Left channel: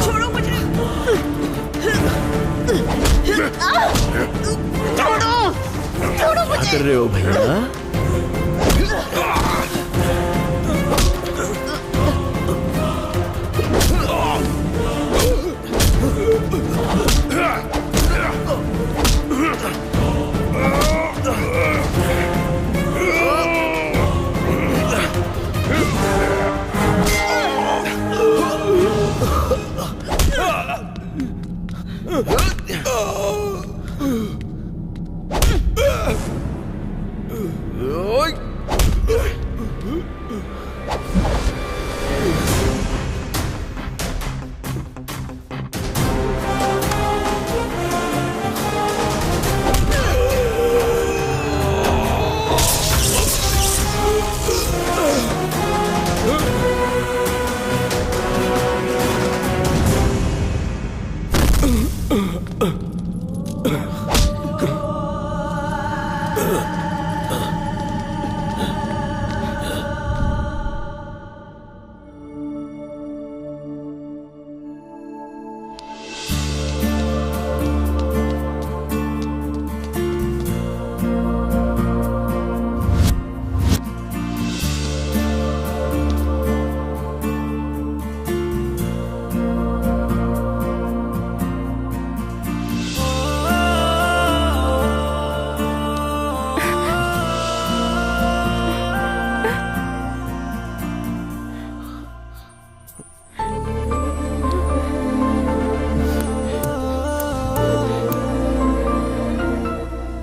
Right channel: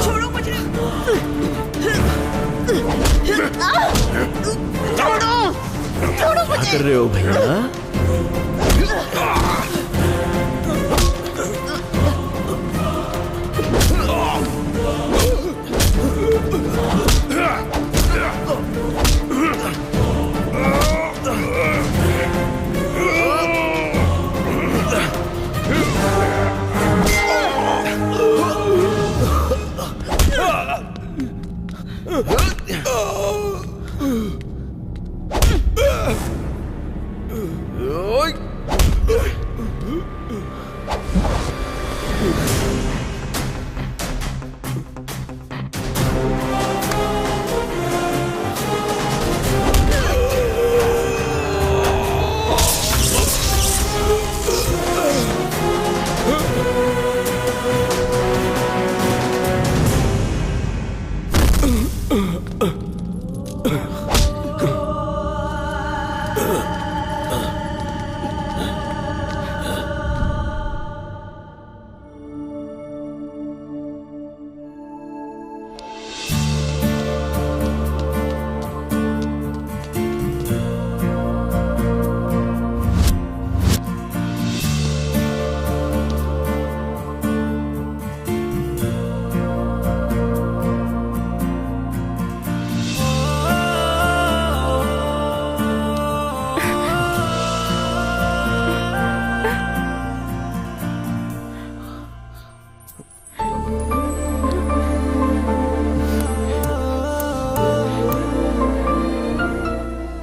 छोड़ो मुझे। छोड़ो मुझे। क्या कर रहे हो भैया?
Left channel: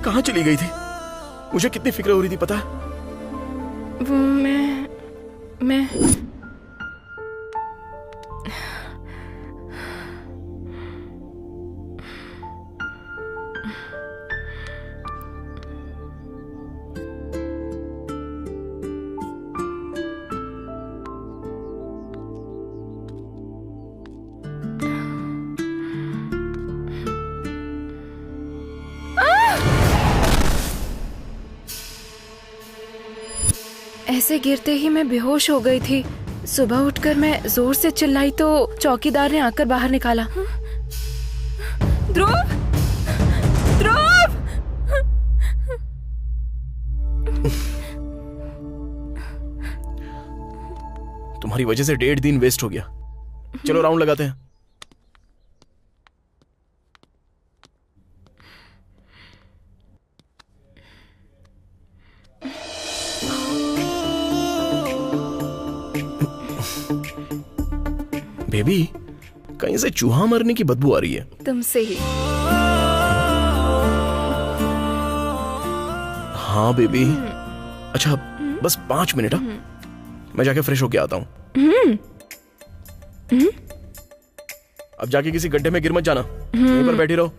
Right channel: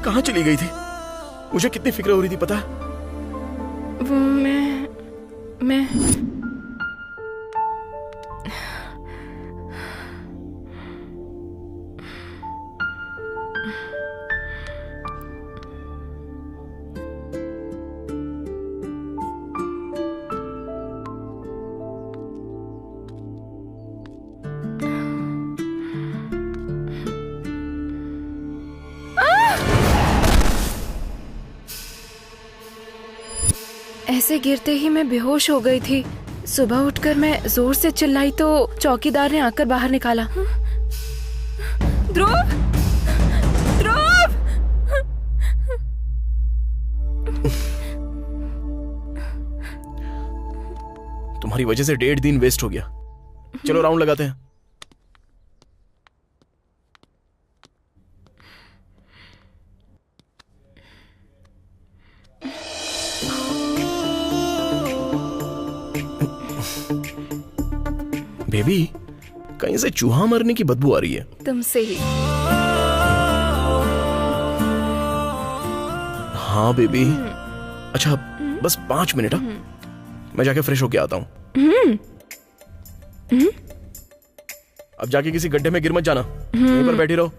कहाँ चली गई थी? मुझे कितनी फिक्र हो रही थी पता? वो मैं ऐसे गिरते ही मैं बेहोश हो गई थी। सुबह उठकर मैं जोर से चिल्लाई तो चौकीदार ने आकर बाहर निकाला। ध्रुव, ध्रुव! तुम्हारी वजह से 1.5 दिन वेस्ट हो गया। चलो राउंड लगाते हैं। बेबी, कहीं से चूहा मरने की बदबू आ रही है। तुमसे ही। हाँ बेबी। अच्छा बस 5 मिनट। मैं जाके फ्रेश होके आता हूँ। अब जाके किसी गड्ढे में गिर मत जाना। यहीं पर बैठी रहो।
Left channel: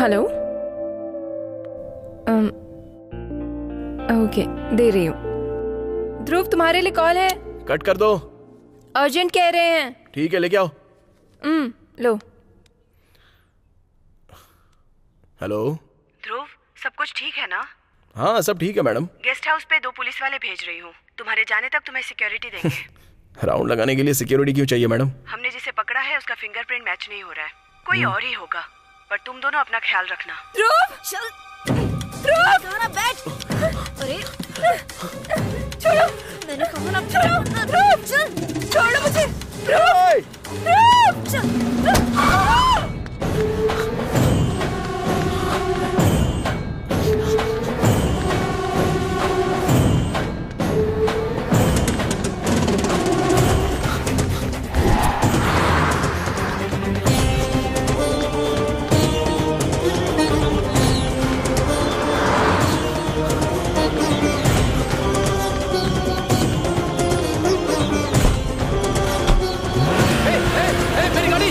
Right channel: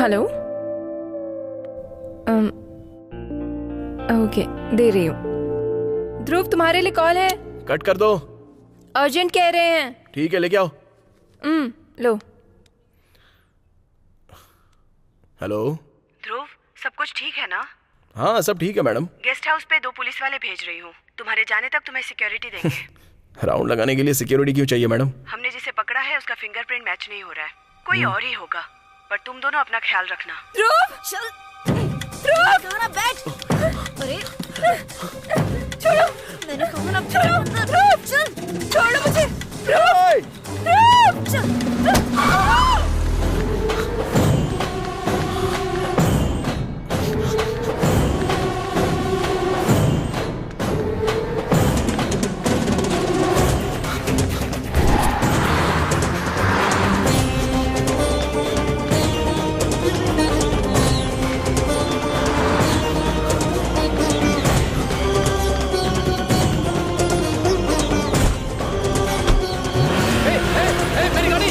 हेलो। ओके, दे रही हूँ। ध्रुव तुम्हारे लिए कॉल है। कट कर दो। अर्जेंट कह रहे हैं। ठीक है, लेके आओ। लो। हेलो ध्रुव, सब कुछ ठीक है ना? हाँ, सब ठीक है मैडम। गेस्ट हाउस पे 2 पुलिस वाले भेज रही हूँ। तुम्हारे जाने तक तुम्हें सिक्योरिटी देंगे। राउंड लगाने के लिए सिक्योरिटी क्यों चाहिए मैडम? हमने जिसे पकड़ा है उसका फिंगरप्रिंट मैच नहीं हो रहा है, कोई और ही होगा। पर तुम दोनों अपना ख्याल रखना। ध्रुव, चल ध्रुव, बैठ। अरे छोड़ो, मैंने कहा ना, छोड़ो, ध्रुव, चल छोड़ो मुझे। ओए! ध्रुव, चल। मेरी गाड़ी!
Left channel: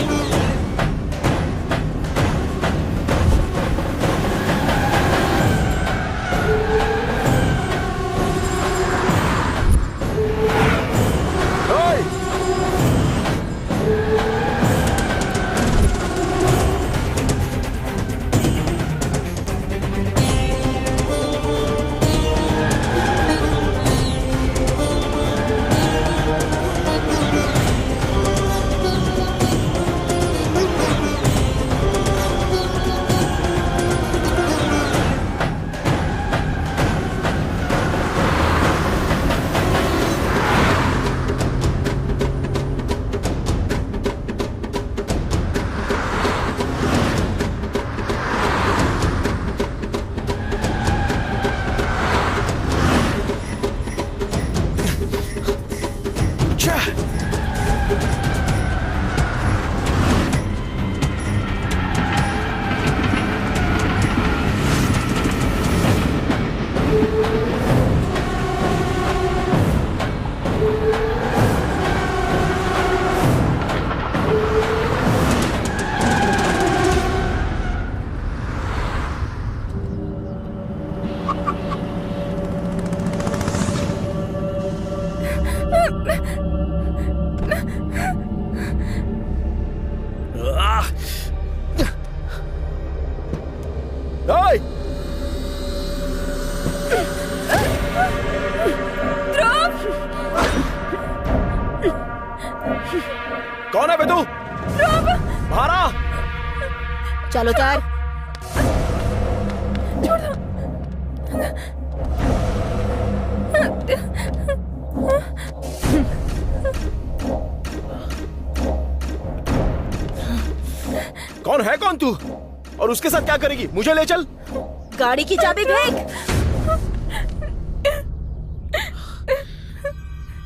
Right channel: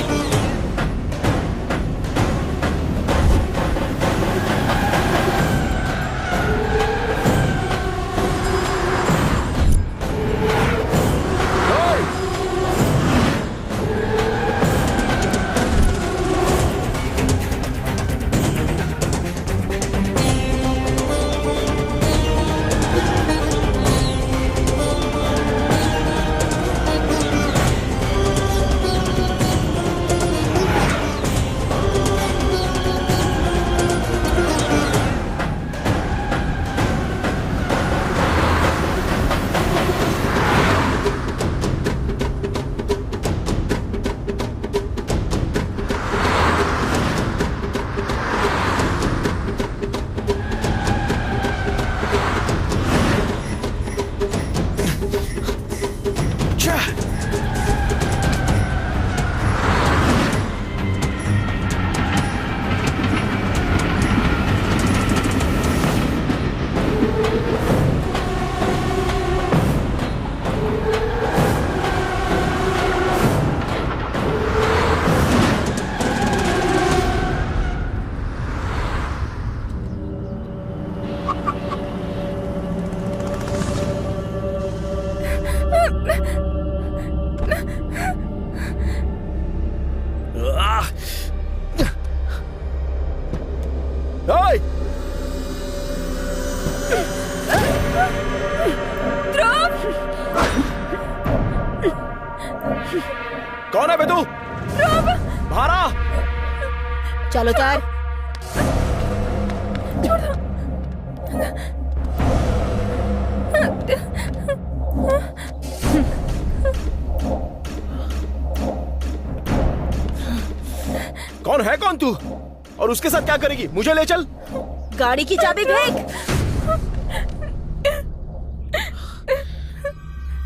ओए! कौन है बे तू? बाहर आ! चलो उतार। कौन है कौन तू? और उसके साथ क्या करेगी? मुझे ले चल। गाड़ी की चाबी फेंक।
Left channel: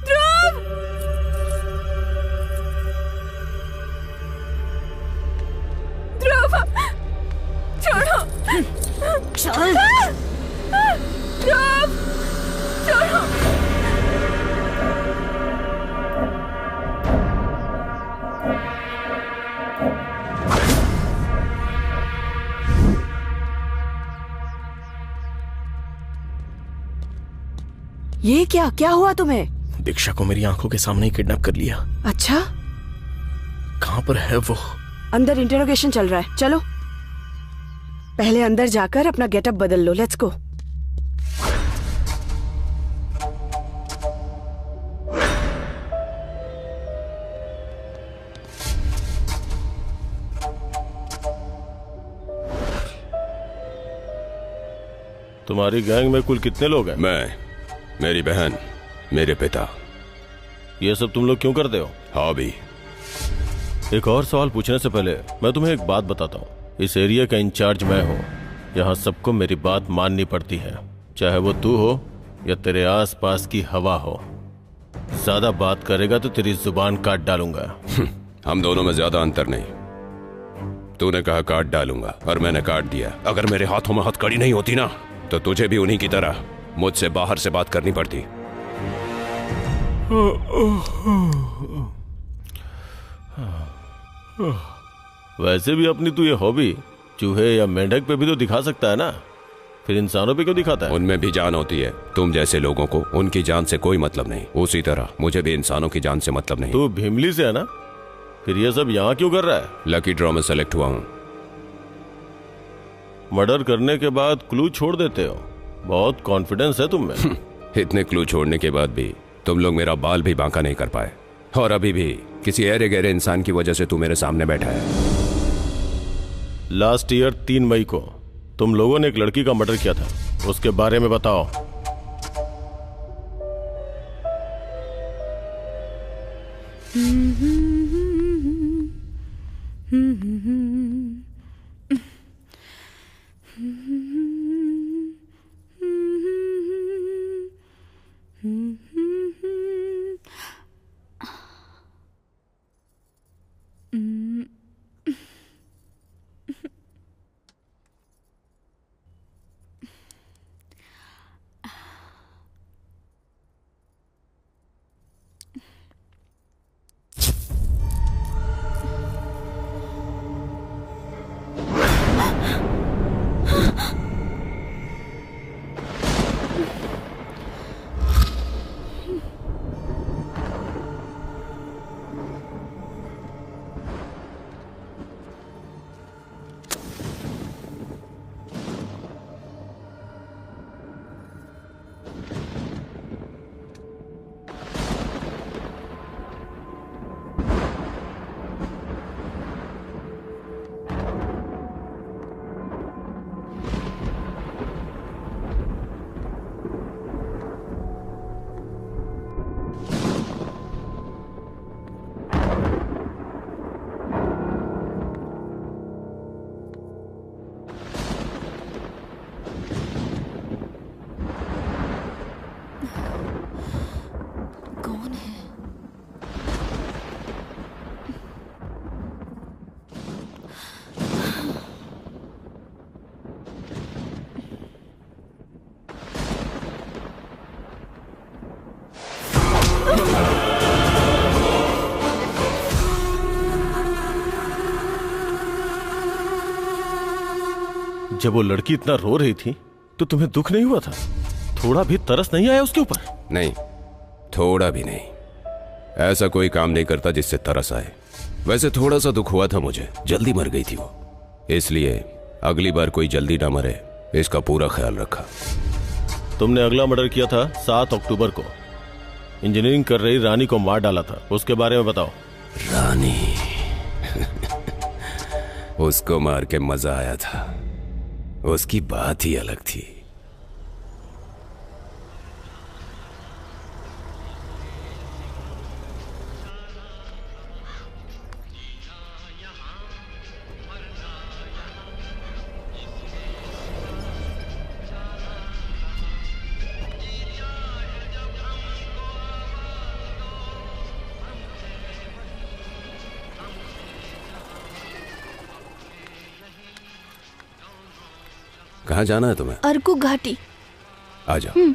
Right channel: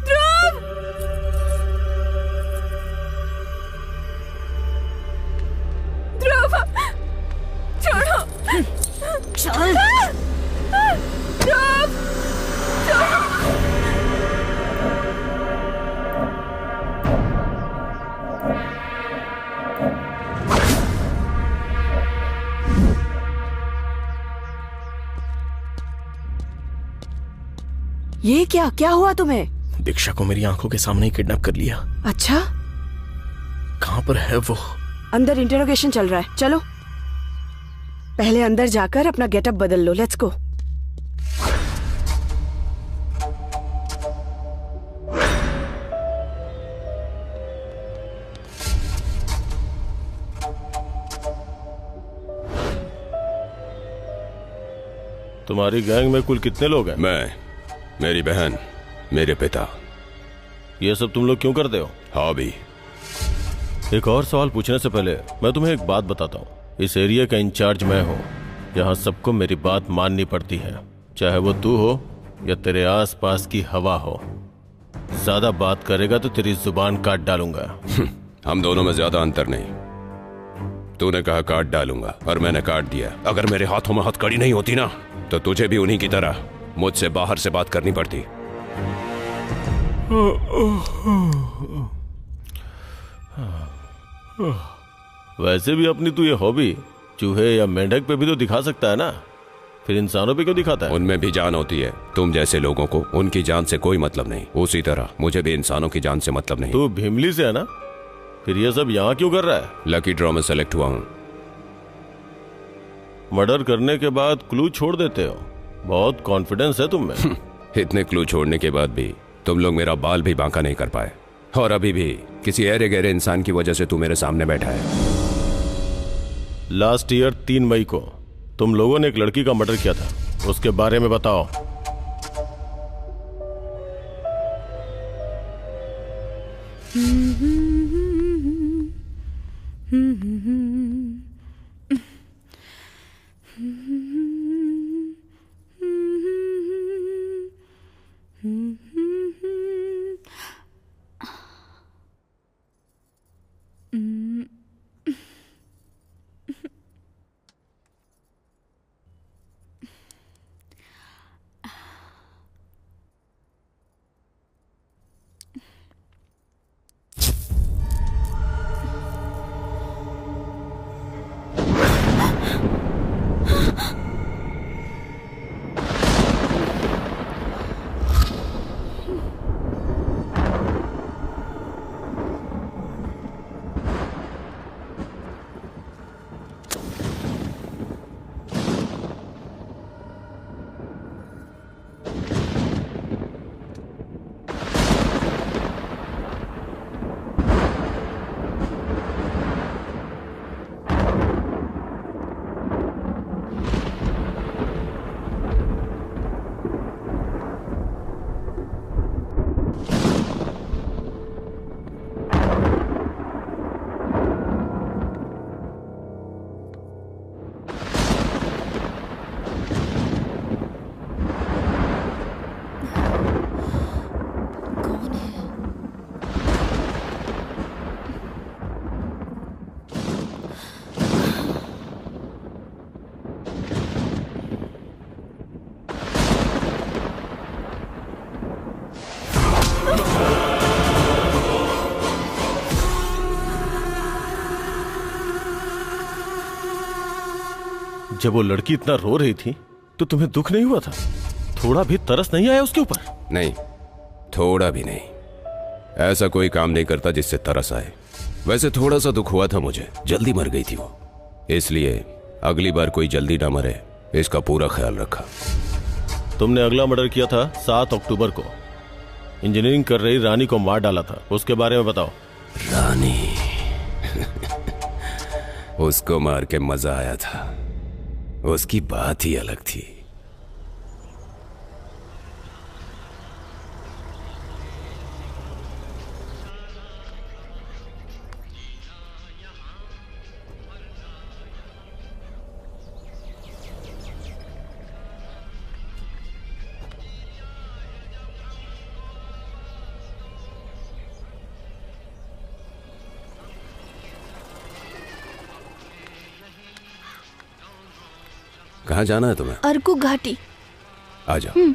ध्रुव, ध्रुव, छोड़ो। चल। ध्रुव, छोड़ो। ये क्या क्या हुआ तुम्हें? दीक्षा को मेरी आंखों के सामने ही किडनैप कर लिया। अच्छा, कहां पर है वो? अंदर इंटरोगेशन चल रहा है। चलो पहले अंदर जाकर अपना गेटअप बदल लो। Let's go. तुम्हारी गैंग में कुल कितने लोग हैं? मैं, मेरी बहन, मेरे पिता। ये सब तुम लोग क्यों करते हो? हॉबी। एक और सवाल पूछने से पहले मैं तुम्हें एक बात बताता हूँ। इस एरिया का इंचार्ज मैं हूँ। यहाँ सबको मेरी बात माननी पड़ती है, चाहे वो तू हो या तेरे आसपास की हवा हो। ज्यादा बात करेगा तो तेरी जुबान काट डालूंगा। हम दोनों में ज्यादा अंतर नहीं। तूने कहा काट डालूंगा और मैंने काट दिया। अगर मेरे हाथों में हथकड़ी नहीं होती ना, तो तुझे भी उन्हीं की तरह मुझसे बाहर से बात करनी पड़ती। वैसे भी अपनी तू ये हॉबी चूहे या मेंढक पे भी तो दिखा सकता है ना। फिर इंसानों पे क्यों दिखाता है? उनमें भी जान होती है। तुम जैसे लोगों को उनकी जान से कोई मतलब नहीं, उसी तरह मुझे भी इंसानों की जान से मतलब नहीं। तू भीमली से है ना? फिर ये सब यहाँ क्यों कर रहा है? लकी ड्रॉ में सेलेक्ट हुआ हूँ। मर्डर करने के बाद क्लू छोड़ देते हो, बहुत कॉन्फिडेंस है तुम में। इतने क्लू छोड़ने के बाद भी तुम लोग मेरा बाल भी बांका नहीं कर पाए, और अभी भी किसी अरे गहरे इंसान की वजह से तू मेरे सामने बैठा है। लास्ट ईयर 3 मई को तुम लोगों ने एक लड़की का मर्डर किया था, उसके बारे में बताओ। जब वो लड़की इतना रो रही थी तो तुम्हें दुख नहीं हुआ था? थोड़ा भी तरस नहीं आया उसके ऊपर? नहीं, थोड़ा भी नहीं। ऐसा कोई काम नहीं करता जिससे तरस आए। वैसे थोड़ा सा दुख हुआ था मुझे, जल्दी मर गई थी वो, इसलिए अगली बार कोई जल्दी ना मरे इसका पूरा ख्याल रखा। तुमने अगला मर्डर किया था 7 अक्टूबर को, इंजीनियरिंग कर रही रानी को मार डाला था, उसके बारे में बताओ। रानी उसको मार के मजा आया था, उसकी बात ही अलग थी। कहाँ जाना है तुम्हें? अर्कू घाटी। आ जाओ।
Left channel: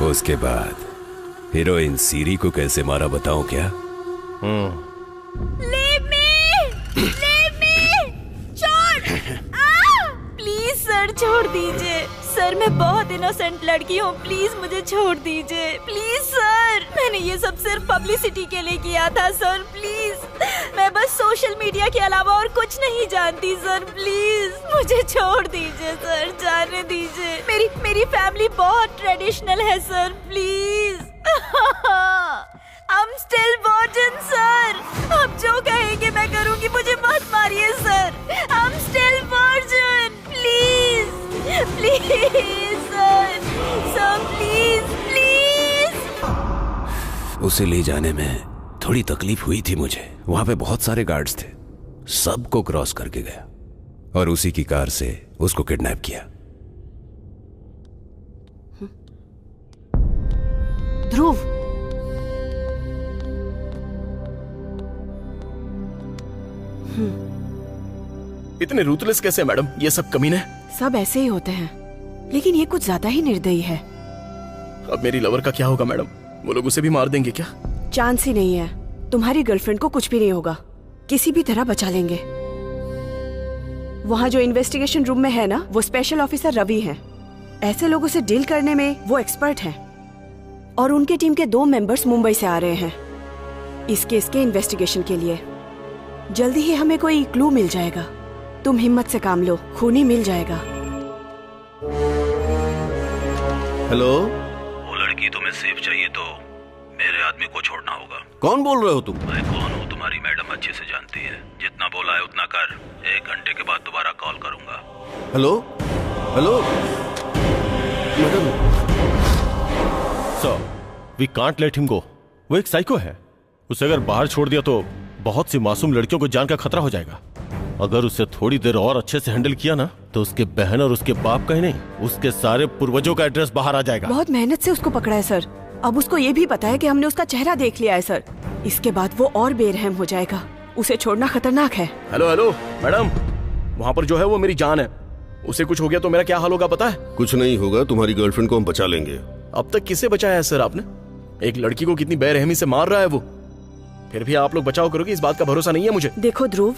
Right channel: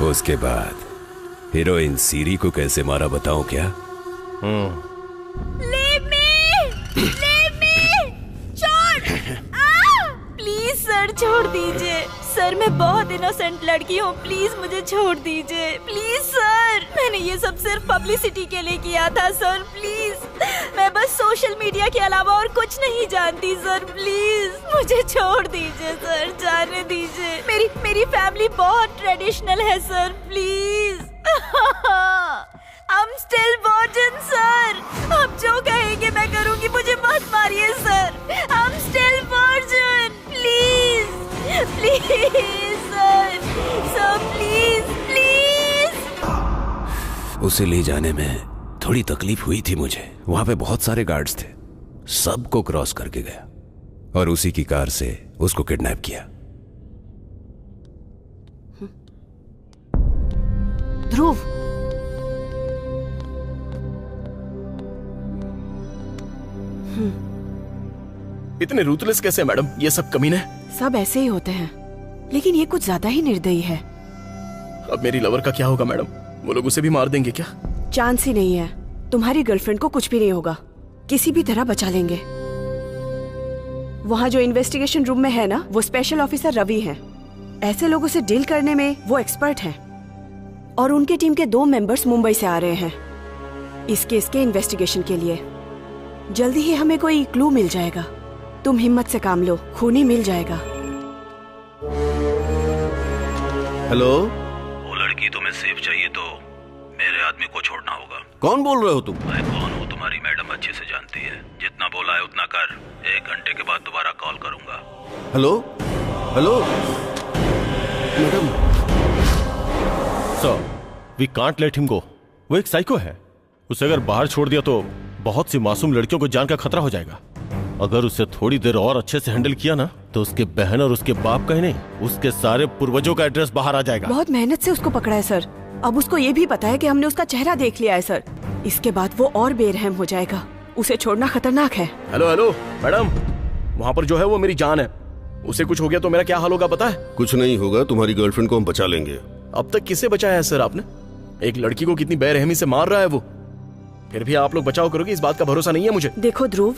उसके बाद हीरोइन सीरी को कैसे मारा बताऊं क्या? Leave me! छोड़! प्लीज सर छोड़ दीजिए। सर मैं बहुत इनोसेंट लड़की हूँ, प्लीज मुझे छोड़ दीजिए। प्लीज सर, मैंने ये सब सिर्फ पब्लिसिटी के लिए किया था सर, प्लीज। मैं बस सोशल मीडिया के अलावा और कुछ नहीं जानती सर, प्लीज मुझे छोड़ दीजिए सर, जाने दीजिए। मेरी फैमिली बहुत ट्रेडिशनल है sir, please. I'm still virgin sir, आप जो कहेंगे मैं करूंगी, मुझे मत मारिए सर। उसे ले जाने में थोड़ी तकलीफ हुई थी मुझे। वहां पे बहुत सारे गार्ड्स थे, सबको क्रॉस करके गया और उसी की कार से उसको किडनैप किया। ध्रुव, इतने रूथलेस कैसे मैडम? ये सब कमीने। सब ऐसे ही होते हैं, लेकिन ये कुछ ज्यादा ही निर्दयी है। अब मेरी लवर का क्या होगा मैडम? वो लोग उसे भी मार देंगे क्या? चांस ही नहीं है। तुम्हारी गर्लफ्रेंड को कुछ भी नहीं होगा, किसी भी तरह बचा लेंगे। वहाँ जो इन्वेस्टिगेशन रूम में है ना, वो स्पेशल ऑफिसर रवि हैं। ऐसे लोगों से डील करने में वो एक्सपर्ट हैं। और उनके टीम के 2 मेंबर्स मुंबई से आ रहे हैं इस केस के इन्वेस्टिगेशन के लिए। जल्दी ही हमें कोई क्लू मिल जाएगा। तुम हिम्मत से काम लो, खून ही मिल जाएगा। हेलो, वो लड़की तुम्हें सेफ चाहिए तो मेरे आदमी को छोड़ना होगा। कौन बोल रहे हो तुम? मैं कौन हूँ तुम्हारी मैडम अच्छे से जानती है। जितना बोला है उतना कर। 1 घंटे के बाद दोबारा कॉल करूंगा। Hello hello madam. Sir, we can't let him go. वो एक साइको है। उसे अगर बाहर छोड़ दिया तो बहुत सी मासूम लड़कियों को जान का खतरा हो जाएगा। अगर उसे थोड़ी देर और अच्छे से हैंडल किया ना, तो उसके बहन और उसके बाप का ही नहीं, उसके सारे पूर्वजों का एड्रेस बाहर आ जाएगा। बहुत मेहनत से उसको पकड़ा है सर। अब उसको ये भी पता है कि हमने उसका चेहरा देख लिया है सर। इसके बाद वो और बेरहम हो जाएगा। उसे छोड़ना खतरनाक है। हेलो हेलो मैडम, वहाँ पर जो है वो मेरी जान है। उसे कुछ हो गया तो मेरा क्या हाल होगा पता है? कुछ नहीं होगा, तुम्हारी गर्लफ्रेंड को हम बचा लेंगे। अब तक किसे बचाया है सर आपने? एक लड़की को कितनी बेरहमी से मार रहा है वो। फिर भी आप लोग बचाव करोगे, इस बात का भरोसा नहीं है मुझे। देखो ध्रुव,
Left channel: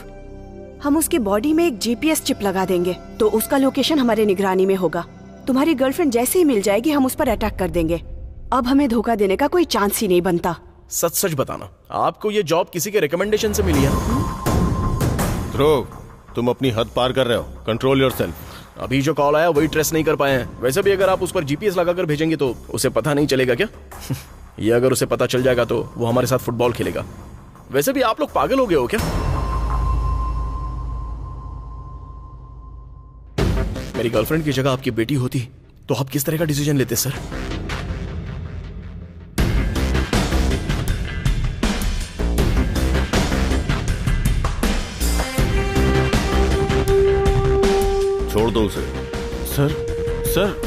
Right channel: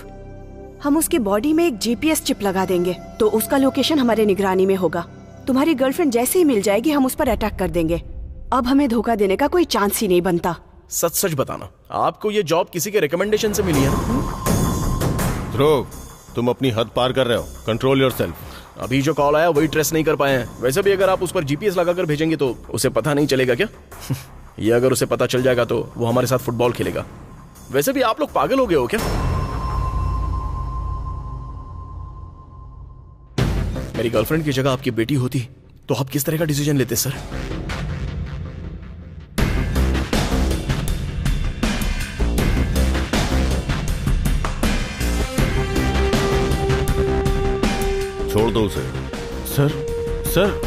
हम उसकी बॉडी में एक जीपीएस चिप लगा देंगे तो उसका लोकेशन हमारे निगरानी में होगा। तुम्हारी गर्लफ्रेंड जैसे ही मिल जाएगी हम उस पर अटैक कर देंगे। अब हमें धोखा देने का कोई चांस ही नहीं बनता। सच सच बताना, आपको ये जॉब किसी के रिकमेंडेशन से मिली है ना? ध्रुव, तुम अपनी हद पार कर रहे हो। Control yourself. अभी जो कॉल आया वही ट्रेस नहीं कर पाए हैं। वैसे भी अगर आप उस पर जीपीएस लगाकर भेजेंगे तो उसे पता नहीं चलेगा क्या? ये अगर उसे पता चल जाएगा तो वो हमारे साथ फुटबॉल खेलेगा। वैसे भी आप लोग पागल हो गए हो क्या? मेरी गर्लफ्रेंड की जगह आपकी बेटी होती तो आप किस तरह का डिसीजन लेते सर? छोड़ दो उसे। Sir sir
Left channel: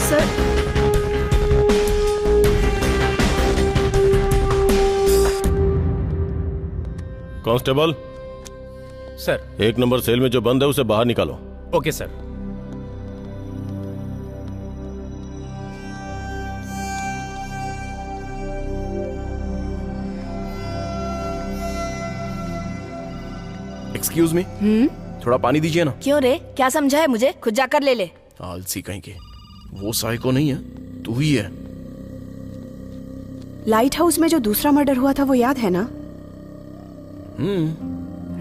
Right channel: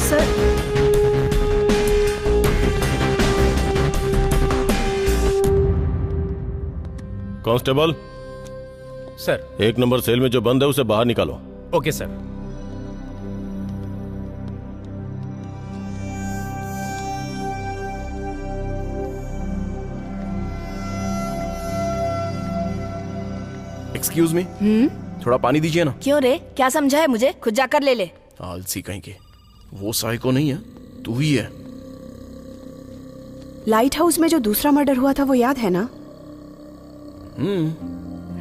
sir, constable sir. 1 number cell में जो बंद है उसे बाहर निकालो। Okay sir. एक्सक्यूज मी, थोड़ा पानी दीजिए ना। क्यों रे, क्या समझा है मुझे? खुद जाकर ले ले। आलसी कहीं के। वो साइको नहीं है, तू ही है। लाइट हाउस में जो दूसरा मर्डर हुआ था वो याद है ना?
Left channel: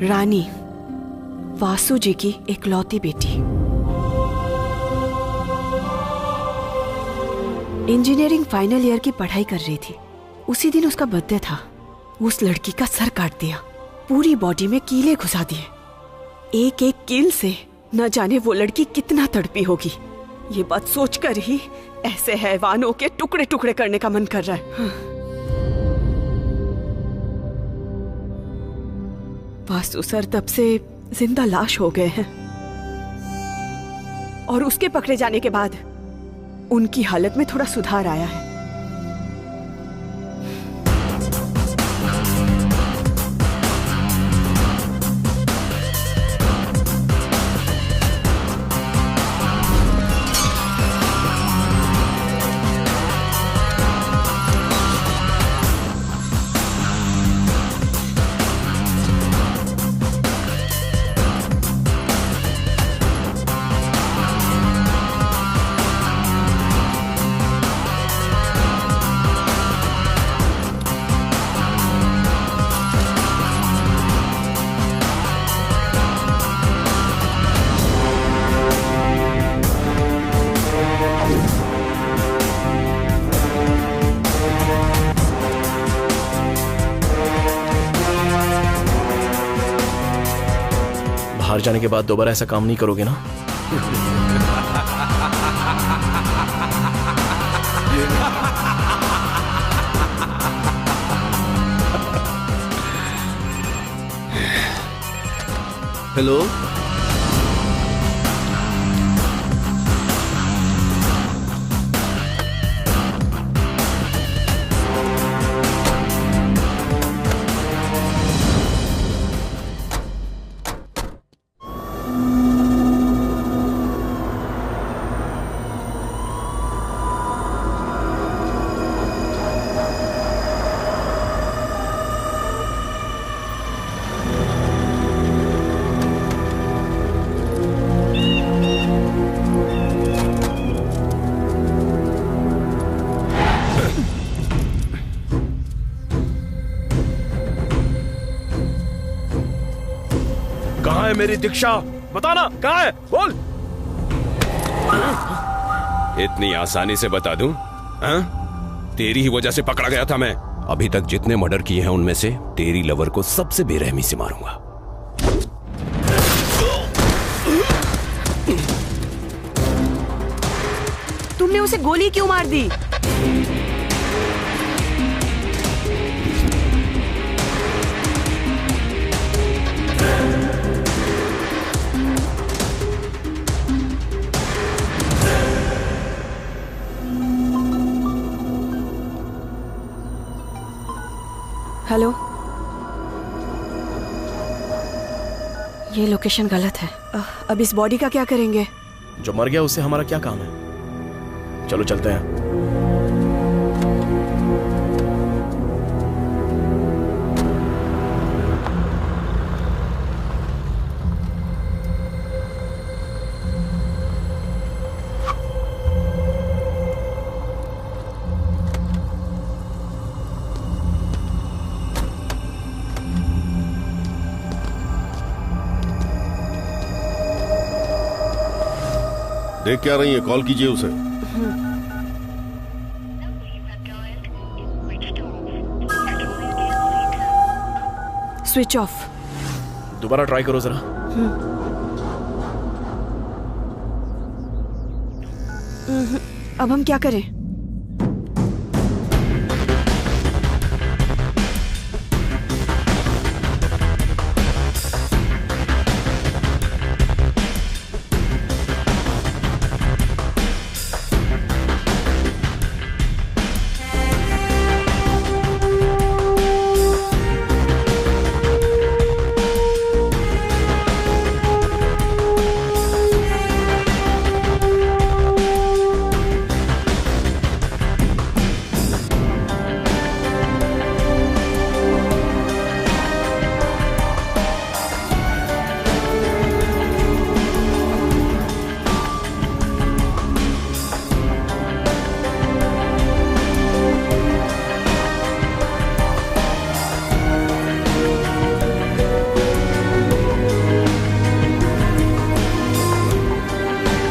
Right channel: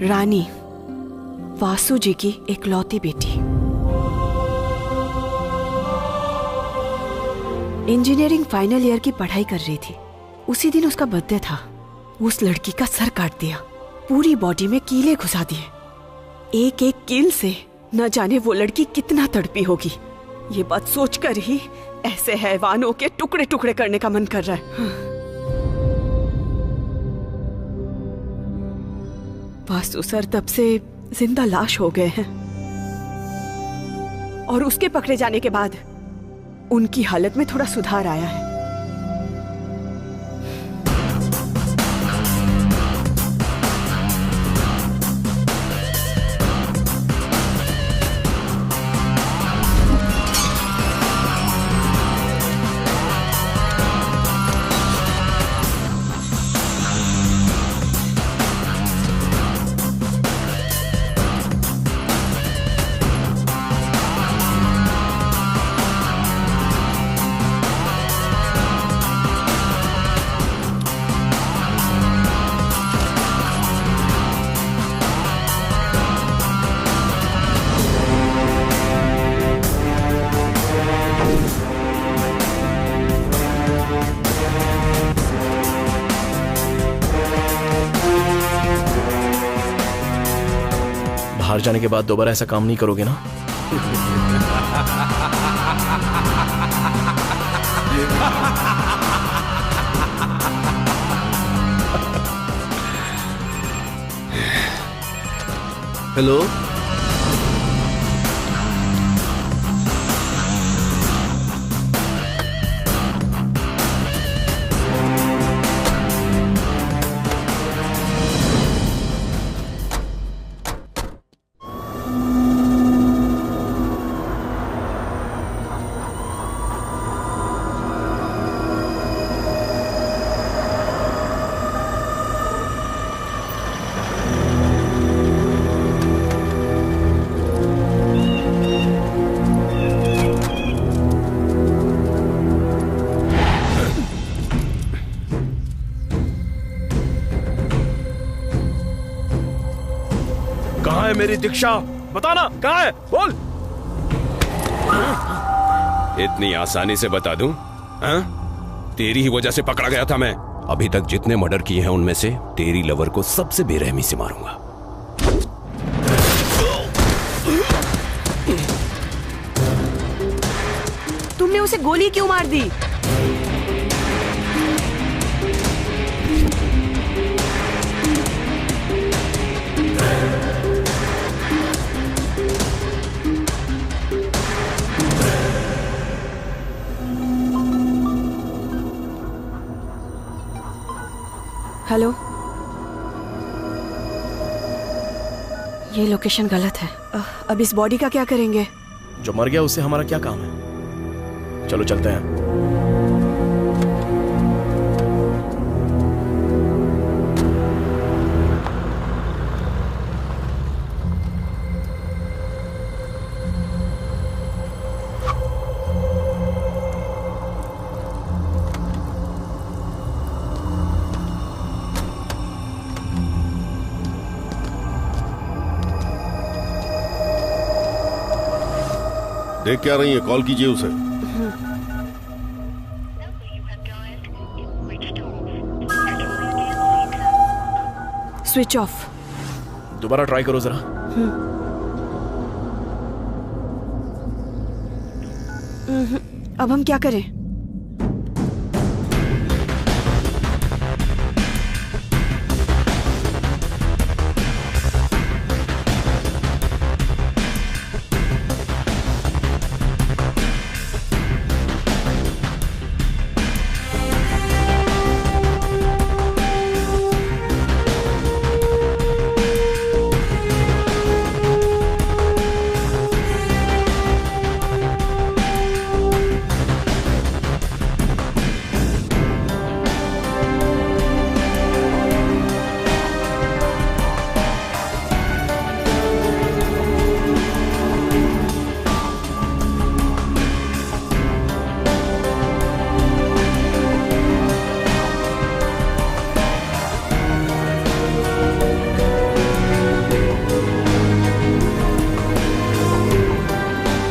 रानी, वासु जी की इकलौती बेटी। इंजीनियरिंग फाइनल ईयर की पढ़ाई कर रही थी। उसी दिन उसका बर्थडे था। उस लड़की का सर काट दिया, पूरी बॉडी में कीले घुसा दिए। एक एक कील से न जाने वो लड़की कितना तड़पी होगी। ये बात सोचकर ही ऐसे हैवानों के टुकड़े टुकड़े करने का मन कर रहा है। वासु सर तब से जिंदा लाश हो गए हैं और उसके पकड़े जाने के बाद उनकी हालत में थोड़ा सुधार आया है। बाहर जाने के बाद दोबारा ऐसा काम नहीं करोगे ना? हेलो कहाँ है मेरी दीक्षा? बताना कहाँ है, बोल। इतनी आसानी से बता दूं? हाँ? तेरी ही वजह से पकड़ा गया था मैं। अभी तक जितने मर्डर किए हैं उनमें से तेरी लवर को सबसे बेरहमी से मारूंगा। तुमने उसे गोली क्यों मार दी? हेलो, ये लोकेशन गलत है। अब इस बॉडी का क्या करेंगे? जो मर गया उससे हमारा क्या काम है? चलो चलते हैं। देख क्या रही है? कॉल कीजिए उसे। Switch off. दोबारा ट्राई करो जरा। अब हम क्या करें?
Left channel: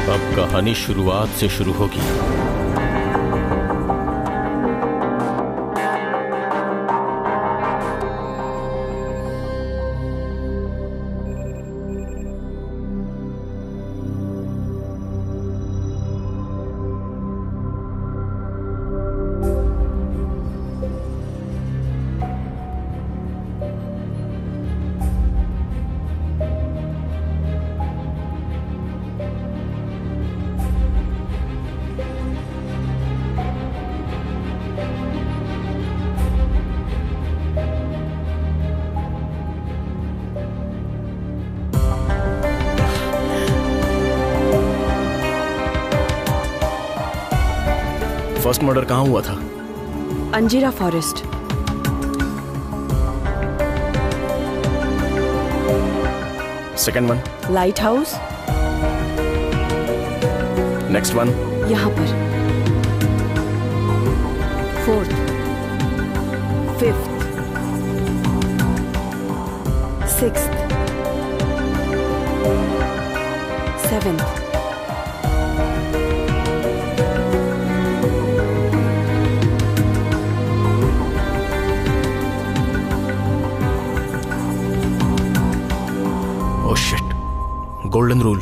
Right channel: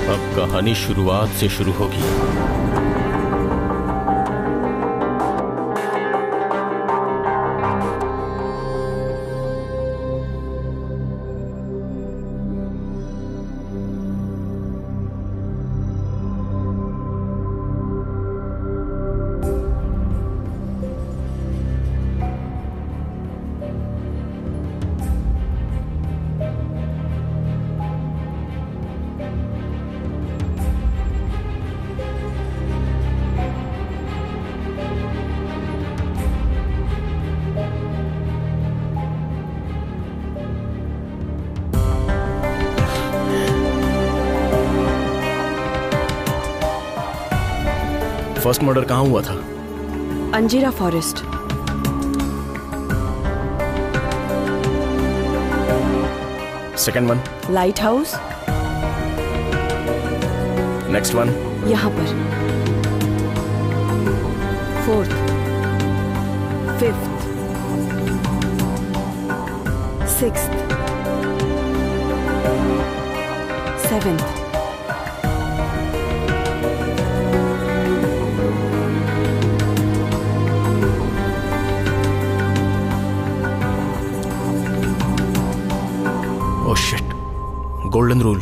अब कहानी शुरुआत से शुरू होगी। फर्स्ट मर्डर कहाँ हुआ था? Anjira forest. Second one? Lighthouse. Next one? यहाँ पर। Fourth, fifth, sixth, seventh. Oh shit, golden rule.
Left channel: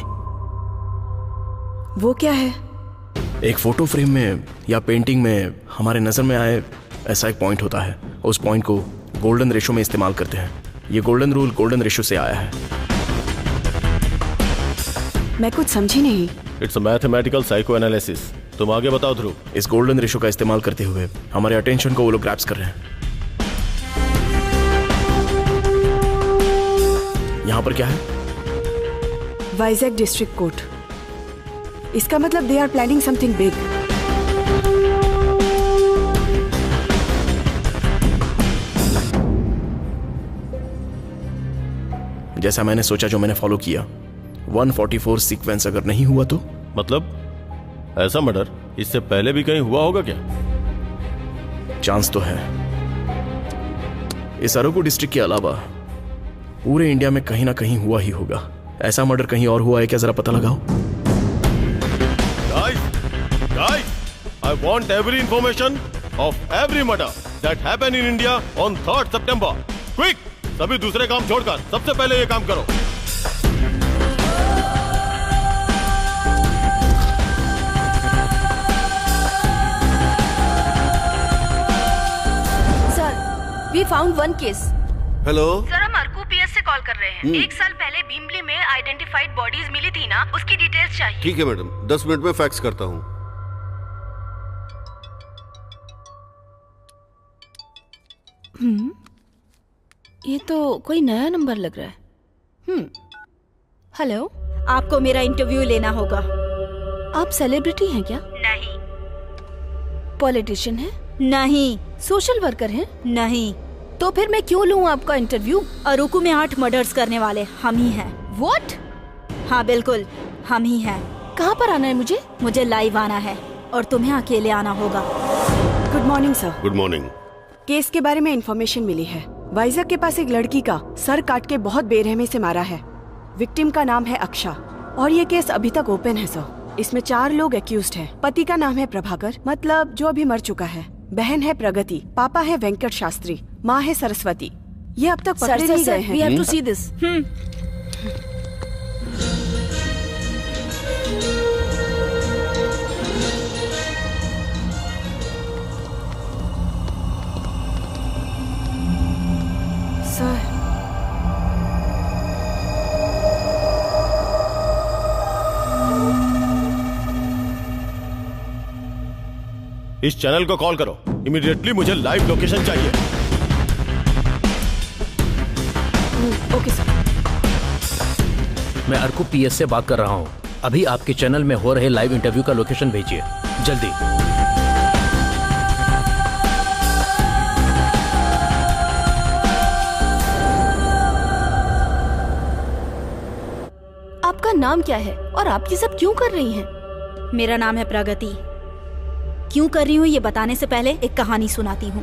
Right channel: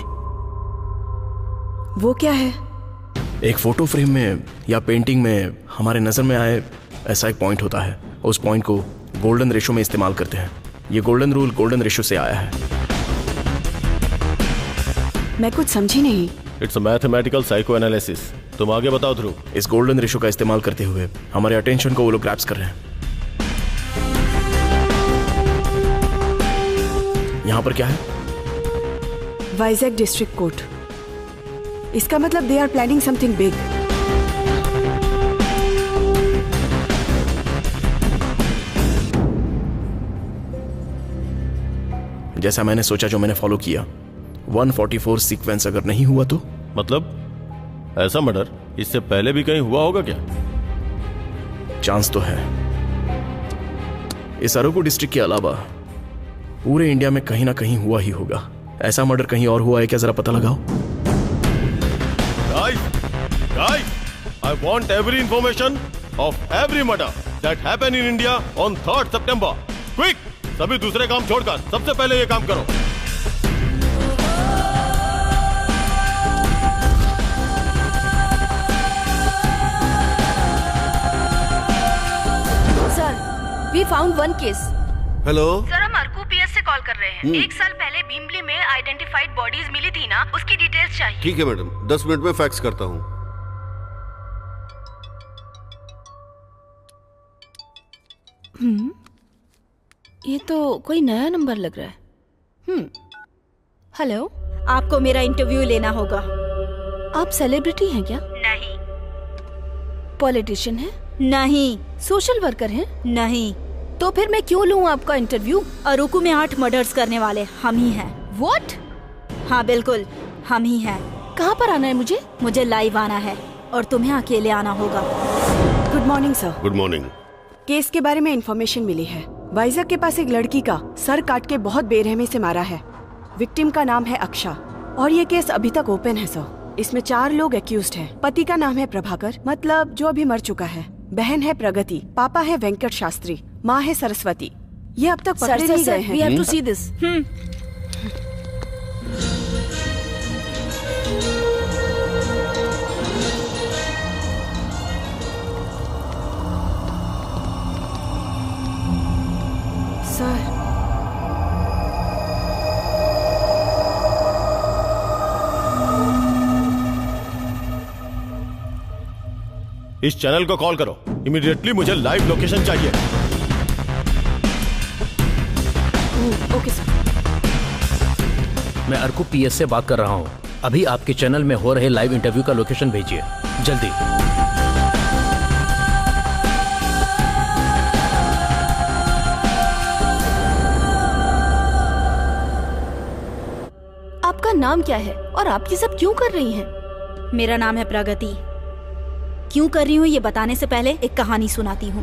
वो क्या है? एक फोटो फ्रेम में या पेंटिंग में हमारे नजर में आए ऐसा एक पॉइंट होता है, उस पॉइंट को गोल्डन रेशो में इस्तेमाल करते हैं। ये गोल्डन रूल गोल्डन रेशो से आया है। मैं कुछ समझी नहीं। It's a mathematical psycho analysis. तुम आगे बताओ ध्रुव। इस गोल्डन रेशो का इस्तेमाल करते हुए हमारे अटेंशन को वो लोग ग्रैब्स कर रहे हैं। यहाँ पर क्या है? Vizag district court. इसका मतलब they are planning something big. जैसा मैंने सोचा, जो मैंने फॉलो किया, 144 सीक्वेंस अगर नहीं हुआ तो मतलब ऐसा मर्डर इससे पहले भी कहीं हुआ होगा क्या? चांस तो है। इस अरोगो डिस्ट्रिक्ट के अलावा पूरे इंडिया में कहीं ना कहीं हुआ ही होगा। ऐसा मर्डर कहीं और हुआ है क्या? जरा पता लगाओ। Guys, I want every information of every murder that happened in India on 3rd September. Quick! सभी दूसरे काम छोड़कर सबसे पहले ये काम करो। Sir, we found one case. Hello sir, हम अर्कू पीएस से कॉल कर रहे हैं। 1 साल पहले भीमली में आइडेंटिफाइड बॉडीज मिली थी ना, उसकी डिटेल्स चाहिए। ठीक है मैडम, 10 मिनट में फैक्स करता हूँ। ये तो कोई नया नंबर लग रहा है। हेलो, आपको मेरा इंटरव्यू लेना होगा। आप सेलिब्रिटी हैं क्या? नहीं। पॉलिटिशियन हैं? नहीं। सोशल वर्कर हैं? नहीं। तो फिर मैं क्यों लूँ आपका इंटरव्यू? अरुकू में 8 मर्डर्स करने वाले हम ही हैं। व्हाट? हाँ बिल्कुल, हम ही हैं। कहाँ पर आना है मुझे? मुझे लाइव आना है और तुम्हें अकेले आना होगा। Good morning sir. Good morning. Case के बारे में इंफॉर्मेशन मिली है। वाइजैक के पास एक लड़की का सर काट के बहुत बेरहमी से मारा है। विक्टिम का नाम है अक्षा और ये केस अभी तक ओपन है सर। इसमें 4 लोग एक्यूज्ड हैं। पति का नाम है प्रभाकर, मतलब जो अभी मर चुका है। बहन है प्रगति, पापा है वेंकट शास्त्री, माँ है सरस्वती। ये अब तक पकड़े नहीं गए हैं। We have to see this. Sir, इस चैनल को कॉल करो। इमीडिएटली मुझे लाइव लोकेशन चाहिए। Okay sir. मैं अर्कू पीएस से बात कर रहा हूँ। अभी आपके चैनल में हो रहे लाइव इंटरव्यू का लोकेशन भेजिए जल्दी। आपका नाम क्या है और आप ये सब क्यों कर रही हैं? मेरा नाम है प्रगति। क्यों कर रही हूँ ये बताने से पहले एक कहानी सुनाती हूँ।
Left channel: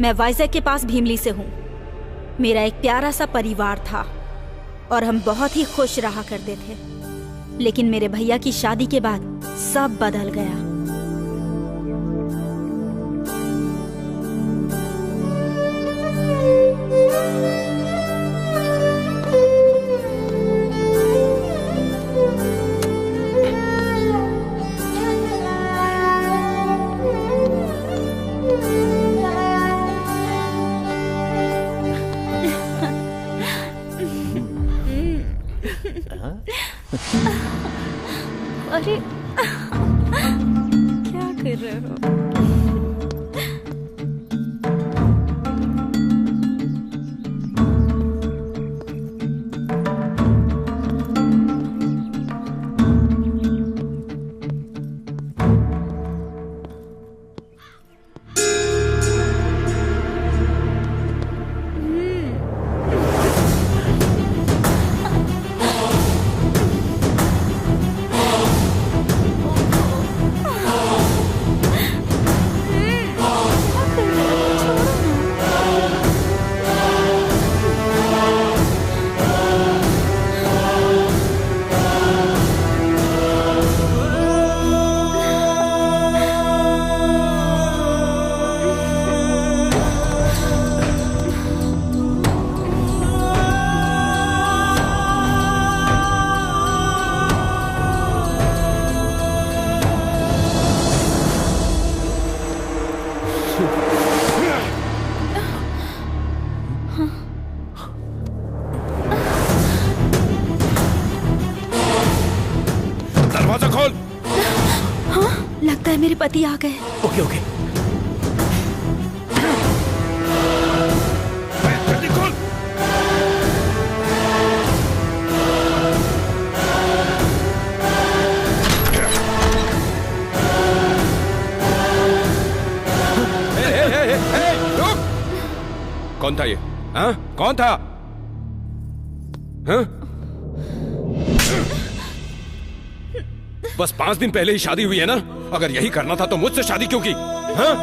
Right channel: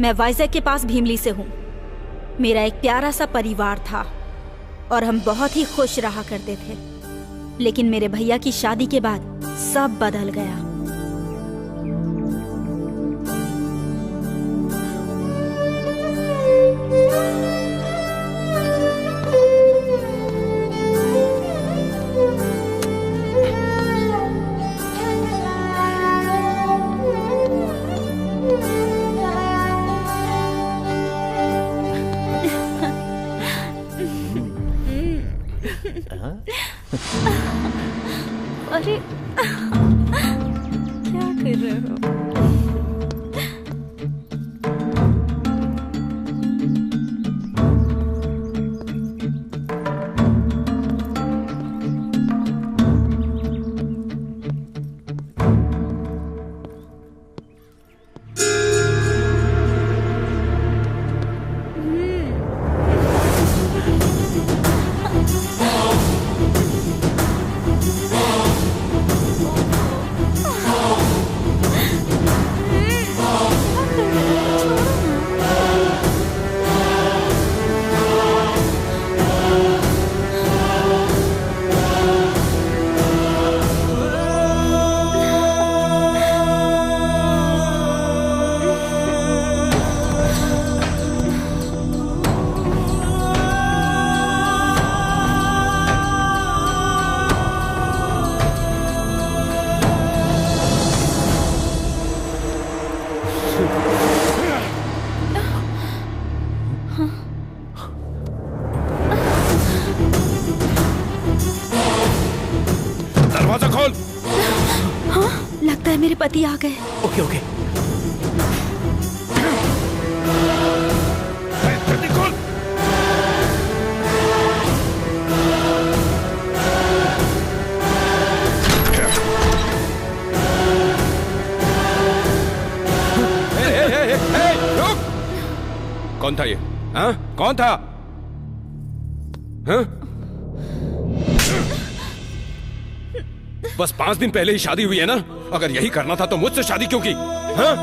मैं वाइजैक के पास भीमली से हूँ। मेरा एक प्यारा सा परिवार था और हम बहुत ही खुश रहा करते थे। लेकिन मेरे भैया की शादी के बाद सब बदल गया। अरे क्या कर रहे हो? दरवाजा खोल। हाँ, लगता है मेरे पति आ गए। Okay okay. जल्दी खोल। रुक। कौन था ये? हाँ? कौन था? हाँ? बस 5 दिन पहले ही शादी हुई है ना? अगर यही करना था तो मुझसे शादी क्यों की? हाँ?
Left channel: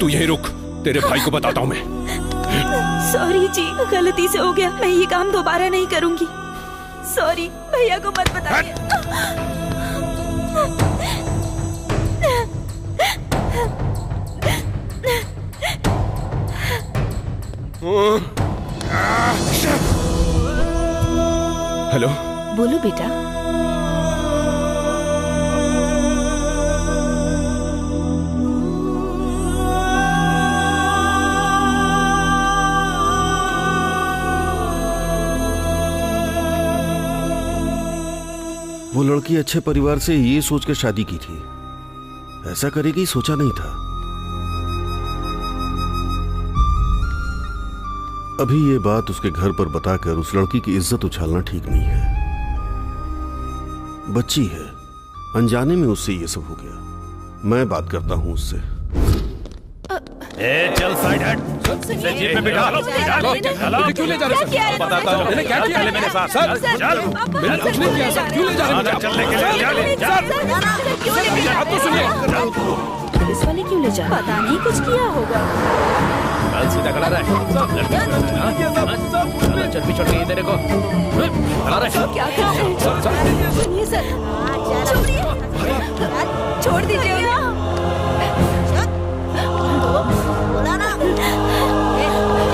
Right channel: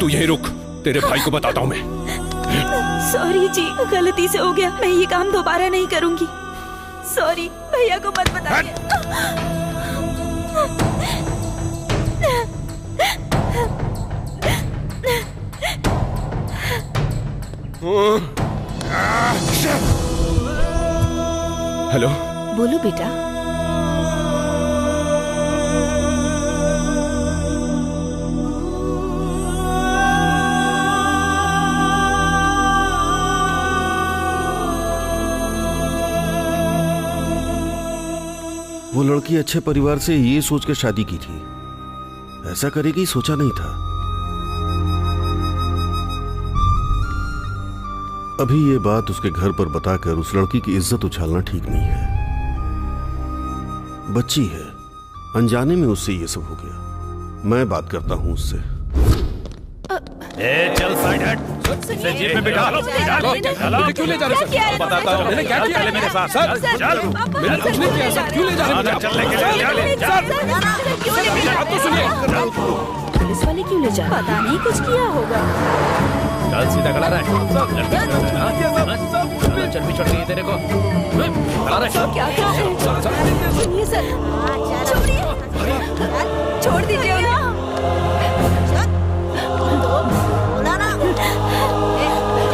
तू यहीं रुक, तेरे भाई को बताता हूं मैं। सॉरी जी, गलती से हो गया। मैं ये काम दोबारा नहीं करूंगी। सॉरी, भैया को मत बताइए। हेलो। बोलो बेटा। वो लड़की अच्छे परिवार से ये सोच के शादी की थी, ऐसा करेगी सोचा नहीं था। अभी ये बात उसके घर पर बताकर उस लड़की की इज्जत उछालना ठीक नहीं है। बच्ची है, अनजाने में उससे ये सब हो गया। मैं बात करता हूं उससे। चल साइड हट। सुनिए, जीप में बिठा लो। मुझे क्यों ले जा रहे सर? बताता हूँ। मैंने क्या किया? मेरे साथ सर, चल। मैंने कुछ नहीं किया सर। क्यों ले जा रहे हैं मुझे? चलने के लिए सर, आप तो सुनिए। पुलिस वाले क्यों ले जा रहे? पता नहीं, कुछ किया होगा। चल सीधा खड़ा रहे। चल भी छोड़ गई तेरे को। खड़ा रहे। क्या कर रहे हैं? सुनिए सर, छोड़िए, छोड़ दीजिए उन्हें।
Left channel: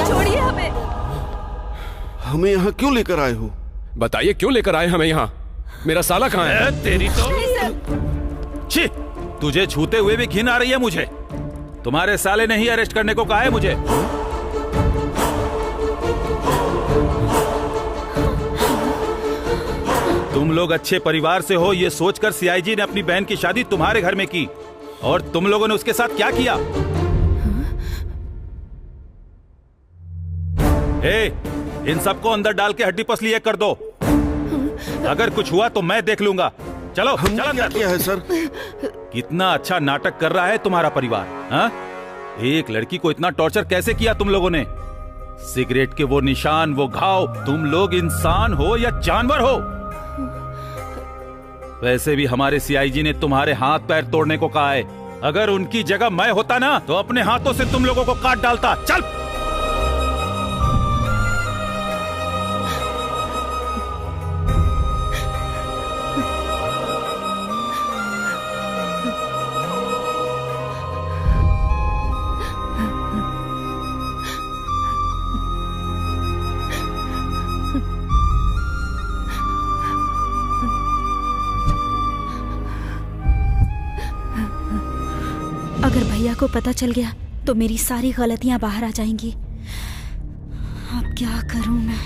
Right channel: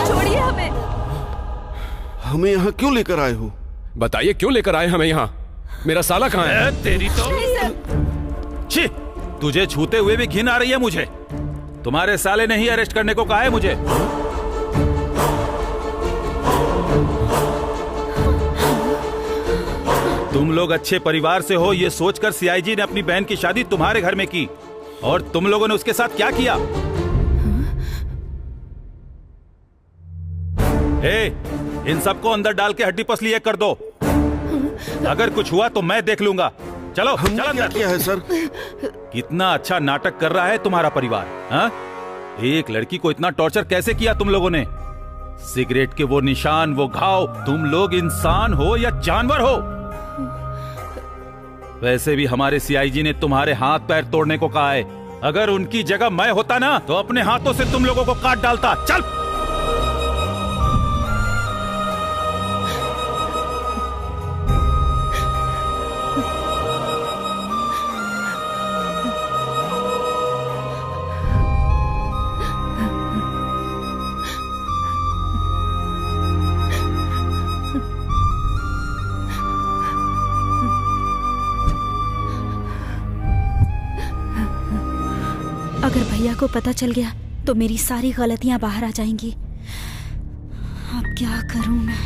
छोड़िए हमें। हमें यहाँ क्यों लेकर आए हो? बताइए क्यों लेकर आए हमें यहाँ? मेरा साला कहाँ है? तेरी तो छी, तुझे छूते हुए भी घिन आ रही है मुझे। तुम्हारे साले ने ही अरेस्ट करने को कहा है मुझे। तुम लोग अच्छे परिवार से हो ये सोचकर सीआईजी ने अपनी बहन की शादी तुम्हारे घर में की, और तुम लोगों ने उसके साथ क्या किया? इन सबको अंदर डाल के हड्डी पसली एक कर दो। अगर कुछ हुआ तो मैं देख लूंगा। चलो चल अंदर। क्या है सर? कितना अच्छा नाटक कर रहा है तुम्हारा परिवार। हाँ? एक लड़की को इतना टॉर्चर कैसे किया तुम लोगों ने? सिगरेट के वो निशान, वो घाव, तुम लोग इंसान हो या जानवर हो? वैसे भी हमारे सीआईजी ने तुम्हारे हाथ पैर तोड़ने को कहा है। अगर उनकी जगह मैं होता ना तो अपने हाथों से तुम लोगों को काट डालता। चल। अगर भैया को पता चल गया तो मेरी सारी गलतियां बाहर आ जाएंगी। अब क्या करूं मैं?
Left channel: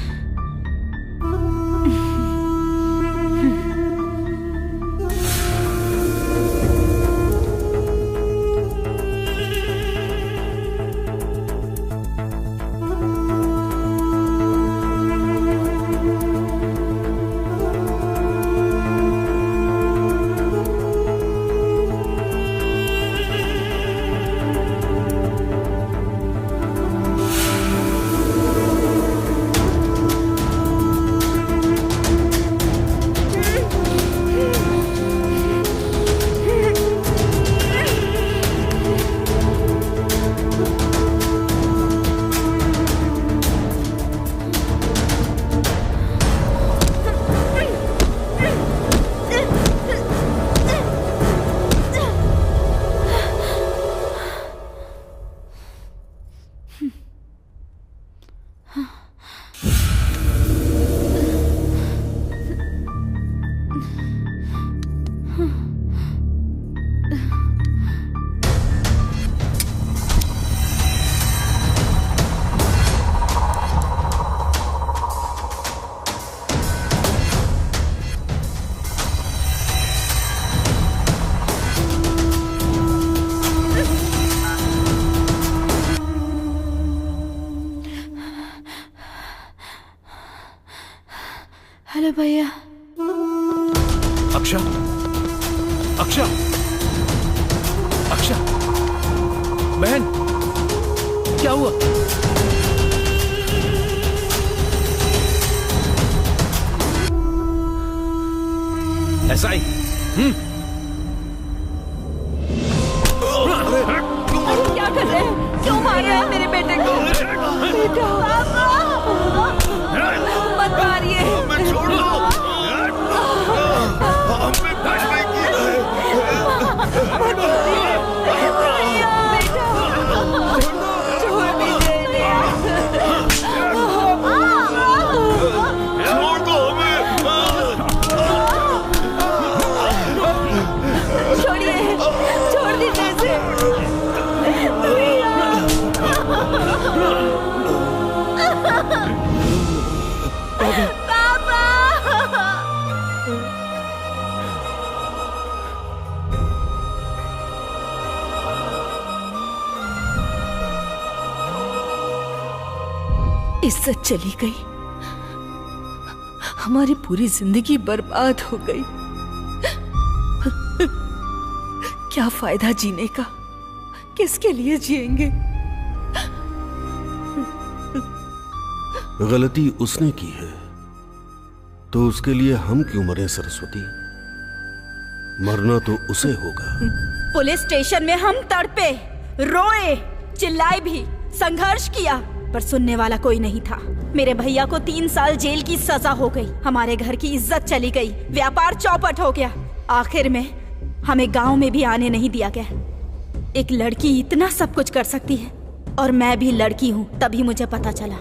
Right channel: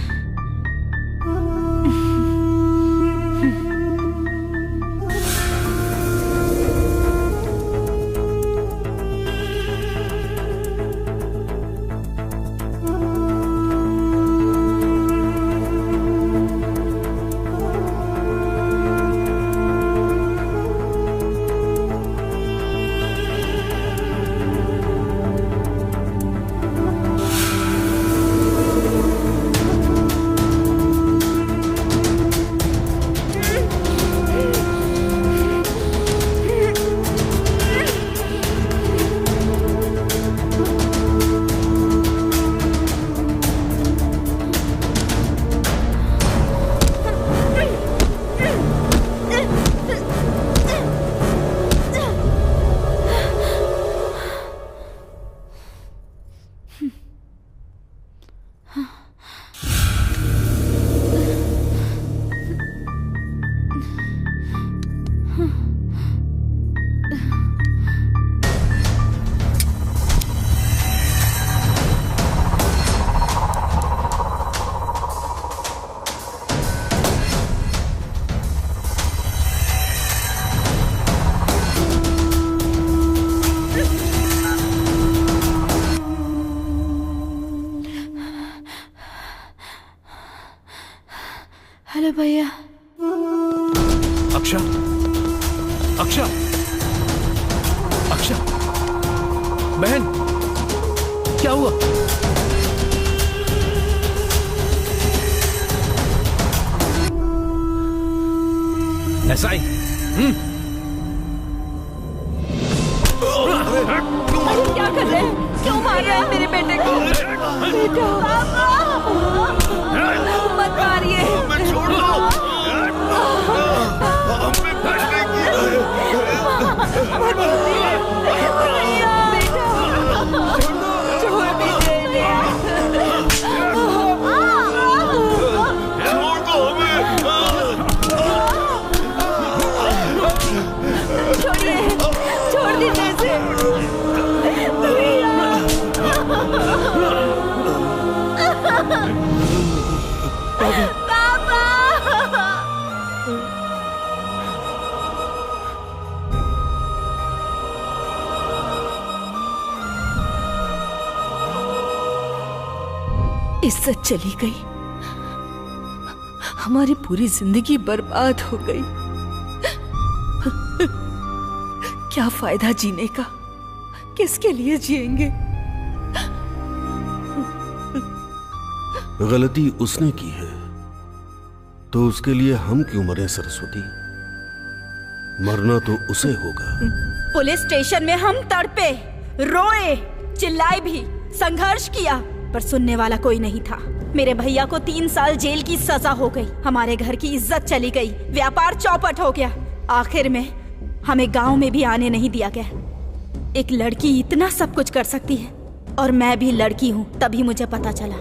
हेलो भैया। अक्षा, अक्षा, अक्षा, बहन, क्या हुआ? ऐसा ही। क्या कर रहे हैं? क्यों मार रहे हैं मेरे बेटे को? बेटा, मत मारिए। छोड़ दो। हमने कुछ नहीं किया है। मत मारिए। बेटा, छोड़ दीजिए। छोड़ दो हमें। छोड़िए, छोड़ दीजिए इसे। पापा। इज्जत चली गई, हमारी पूरी जिंदगी बर्बाद हो गई। क्या फायदा जीने का? किसके लिए जिएंगे? गलती उसने की है तो उसके लिए हम क्यों मरे सरस्वती? मरना तो उसे होगा। पुलिस स्टेशन में हम तड़पे, रोए, चिल्लाए भी, संघर्ष किया, पर सुनने वाला कोई नहीं था। मेरे भैया को 3 साल जेल की सजा हो गई, हमारे घर की इज्जत चली गई, व्यापार चौपट हो गया। आखिर में हमें गांव में भी आने नहीं दिया गया। एक लड़की इतना सब कुछ कर सकती है, और मैं भी लड़की हूँ, तभी मुझे पता चला।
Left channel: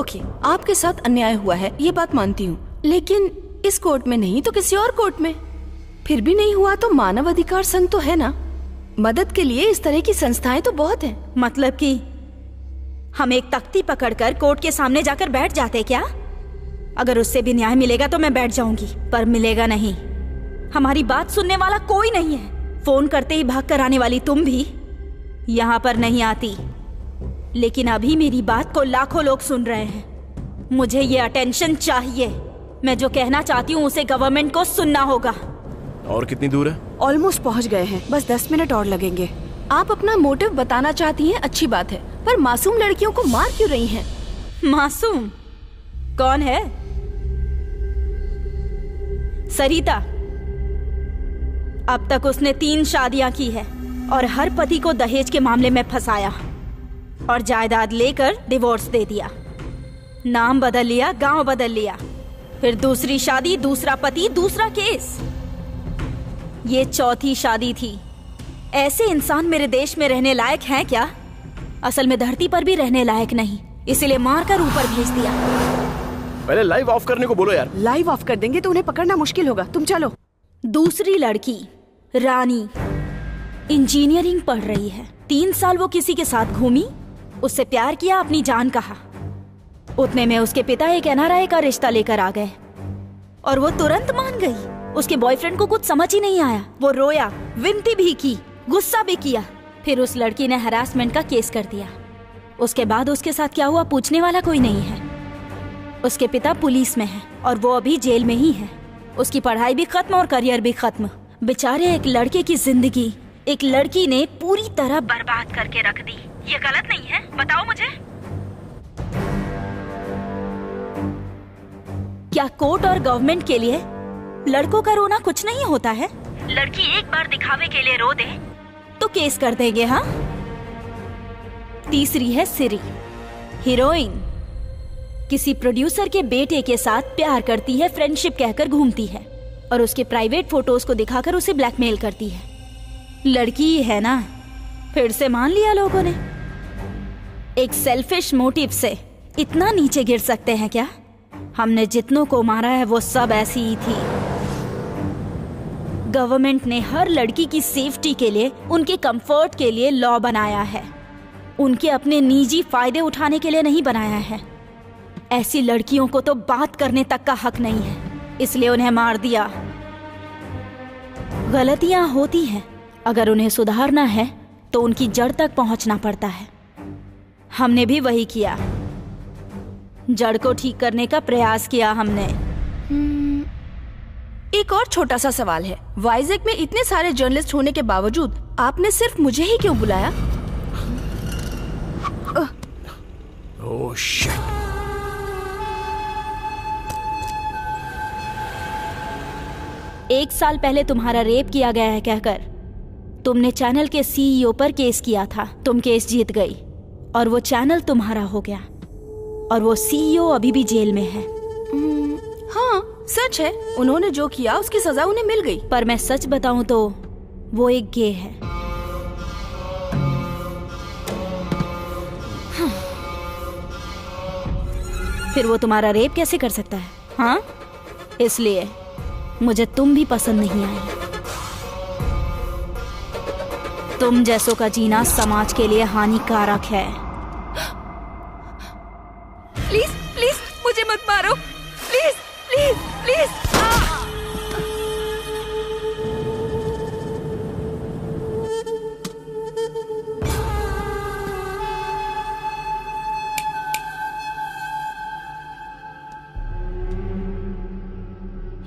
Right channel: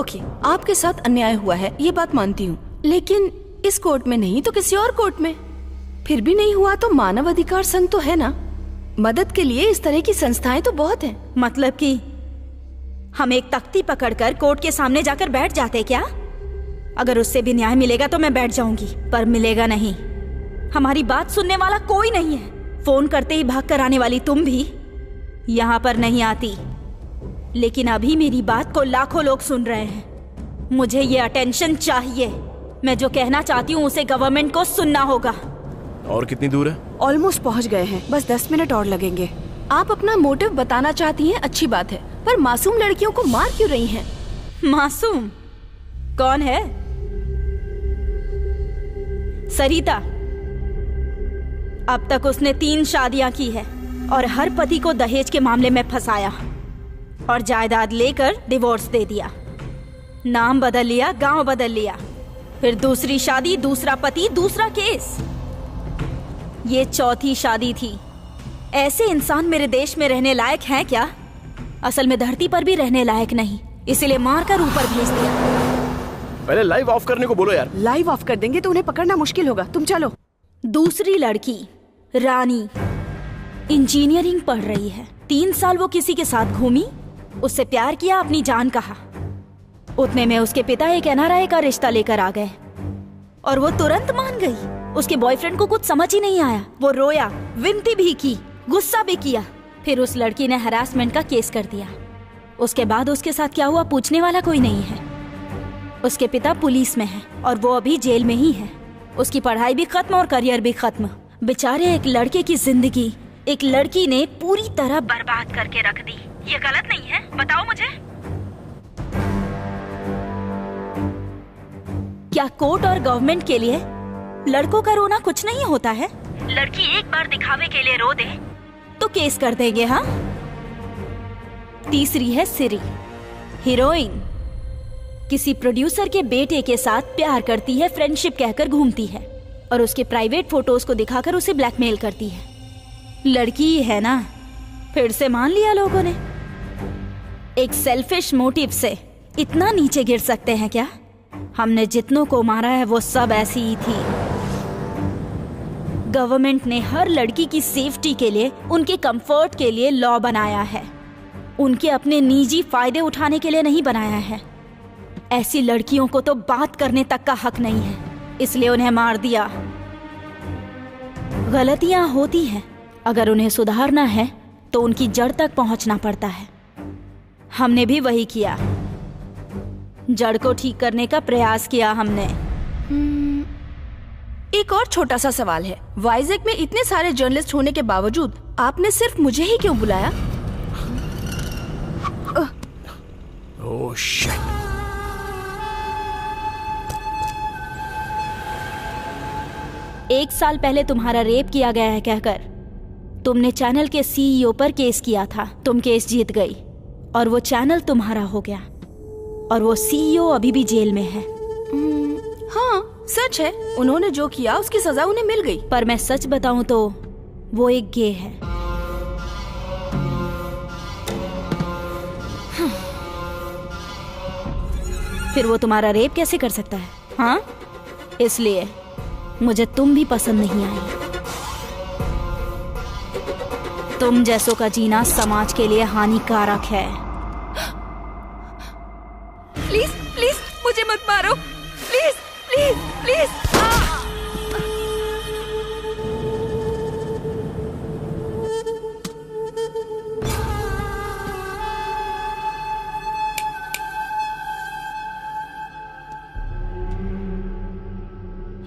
ओके, आपके साथ अन्याय हुआ है, ये बात मानती हूँ, लेकिन इस कोर्ट में नहीं तो किसी और कोर्ट में। फिर भी नहीं हुआ तो मानव अधिकार संघ तो है ना, मदद के लिए इस तरह की संस्थाएं तो बहुत हैं। मतलब कि हम एक तख्ती पकड़कर कोर्ट के सामने जाकर बैठ जाते क्या? अगर उससे भी न्याय मिलेगा तो मैं बैठ जाऊंगी, पर मिलेगा नहीं। हमारी बात सुनने वाला कोई नहीं है। फोन करते ही भाग कर आने वाली तुम भी यहाँ पर नहीं आती, लेकिन अभी मेरी बात को लाखों लोग सुन रहे हैं। मुझे ये अटेंशन चाहिए। मैं जो कहना चाहती हूँ उसे गवर्नमेंट को सुनना होगा। और कितनी दूर है? ऑलमोस्ट पहुँच गए हैं, बस 10 मिनट और लगेंगे। आप अपना मोटिव बताना चाहती हैं, अच्छी बात है, पर मासूम लड़कियों को मार क्यों रही हैं? मासूम कौन है? सरिता। अब तक उसने 3 शादियां की है और हर पति को दहेज के मामले में फंसाया और जायदाद लेकर डिवोर्स दे दिया। नाम बदल लिया, गांव बदल लिया, फिर दूसरी शादी, दूसरा पति, दूसरा केस। ये 4थी शादी थी। ऐसे इंसान मेरे देश में रहने लायक हैं क्या? असल में धरती पर भी रहने लायक नहीं, इसीलिए मारकर ऊपर भेज दिया। पहले लाइव ऑफ करने को बोलो यार। लाइव ऑफ कर देंगे तो उन्हें पकड़ना मुश्किल होगा, तुम चलो। दूसरी लड़की रानी इंजीनियरिंग पढ़ रही है। 3 साल वो किसी के साथ घूमी, उससे प्यार किया, अपनी जान कहा। उतने में उसके पिता एक NRI का रिश्ता लेकर आ गए और वो तुरंत मान गई। उसके बॉयफ्रेंड को कुछ समझ ही नहीं आया। वो रोया, विनती भी की, गुस्सा भी किया। फिर उस लड़की ने हरासमेंट का केस कर दिया। उसके बाद उसके साथ क्या हुआ पूछने वाला कोई नहीं है। उसके पिता पुलिस में है और वो अभी जेल में ही है। उसकी पढ़ाई भी खत्म और करियर भी खत्म। बेचारे एक लड़के की जिंदगी एक लड़की ने पूरी तरह बर्बाद करके रख दी। ये गलत नहीं है? बताओ मुझे। क्या कोर्ट और गवर्नमेंट के लिए लड़कों का रोना कुछ नहीं होता है? लड़की एक बार दिखावे के लिए रो दे तो केस कर देंगे। हाँ। तीसरी है सिरी, हीरोइन। किसी प्रोड्यूसर के बेटे के साथ प्यार करती है, फ्रेंडशिप कहकर घूमती है और उसके प्राइवेट फोटोज को दिखाकर उसे ब्लैकमेल करती है। लड़की ही है ना, फिर से मान लिया लोगों ने। एक सेल्फिश मोटिव से इतना नीचे गिर सकते हैं क्या? हमने जितनों को मारा है वो सब ऐसी ही थी। गवर्नमेंट ने हर लड़की की सेफ्टी के लिए, उनके कंफर्ट के लिए लॉ बनाया है, उनके अपने निजी फायदे उठाने के लिए नहीं बनाया है। ऐसी लड़कियों को तो बात करने तक का हक नहीं है, इसलिए उन्हें मार दिया। गलतियां होती हैं, अगर उन्हें सुधारना है तो उनकी जड़ तक पहुंचना पड़ता है। हमने भी वही किया। जड़ को ठीक करने का प्रयास किया हमने। एक और छोटा सा सवाल है, वाइजैक में इतने सारे जर्नलिस्ट होने के बावजूद आपने सिर्फ मुझे ही क्यों बुलाया? Oh shit. एक साल पहले तुम्हारा रेप किया गया है कहकर तुमने चैनल के सीईओ पर केस किया था। तुम केस जीत गई और वो चैनल तुम्हारा हो गया और वो सीईओ अभी भी जेल में है। हाँ सच है, उन्होंने जो किया उसकी सजा उन्हें मिल गई। पर मैं सच बताऊं तो वो एक गे है। फिर वो तुम्हारा रेप कैसे कर सकता है? हाँ, इसलिए मुझे तुम भी पसंद नहीं आई। तुम जैसों का जीना समाज के लिए हानिकारक है। प्लीज प्लीज मुझे मत मारो, please please please.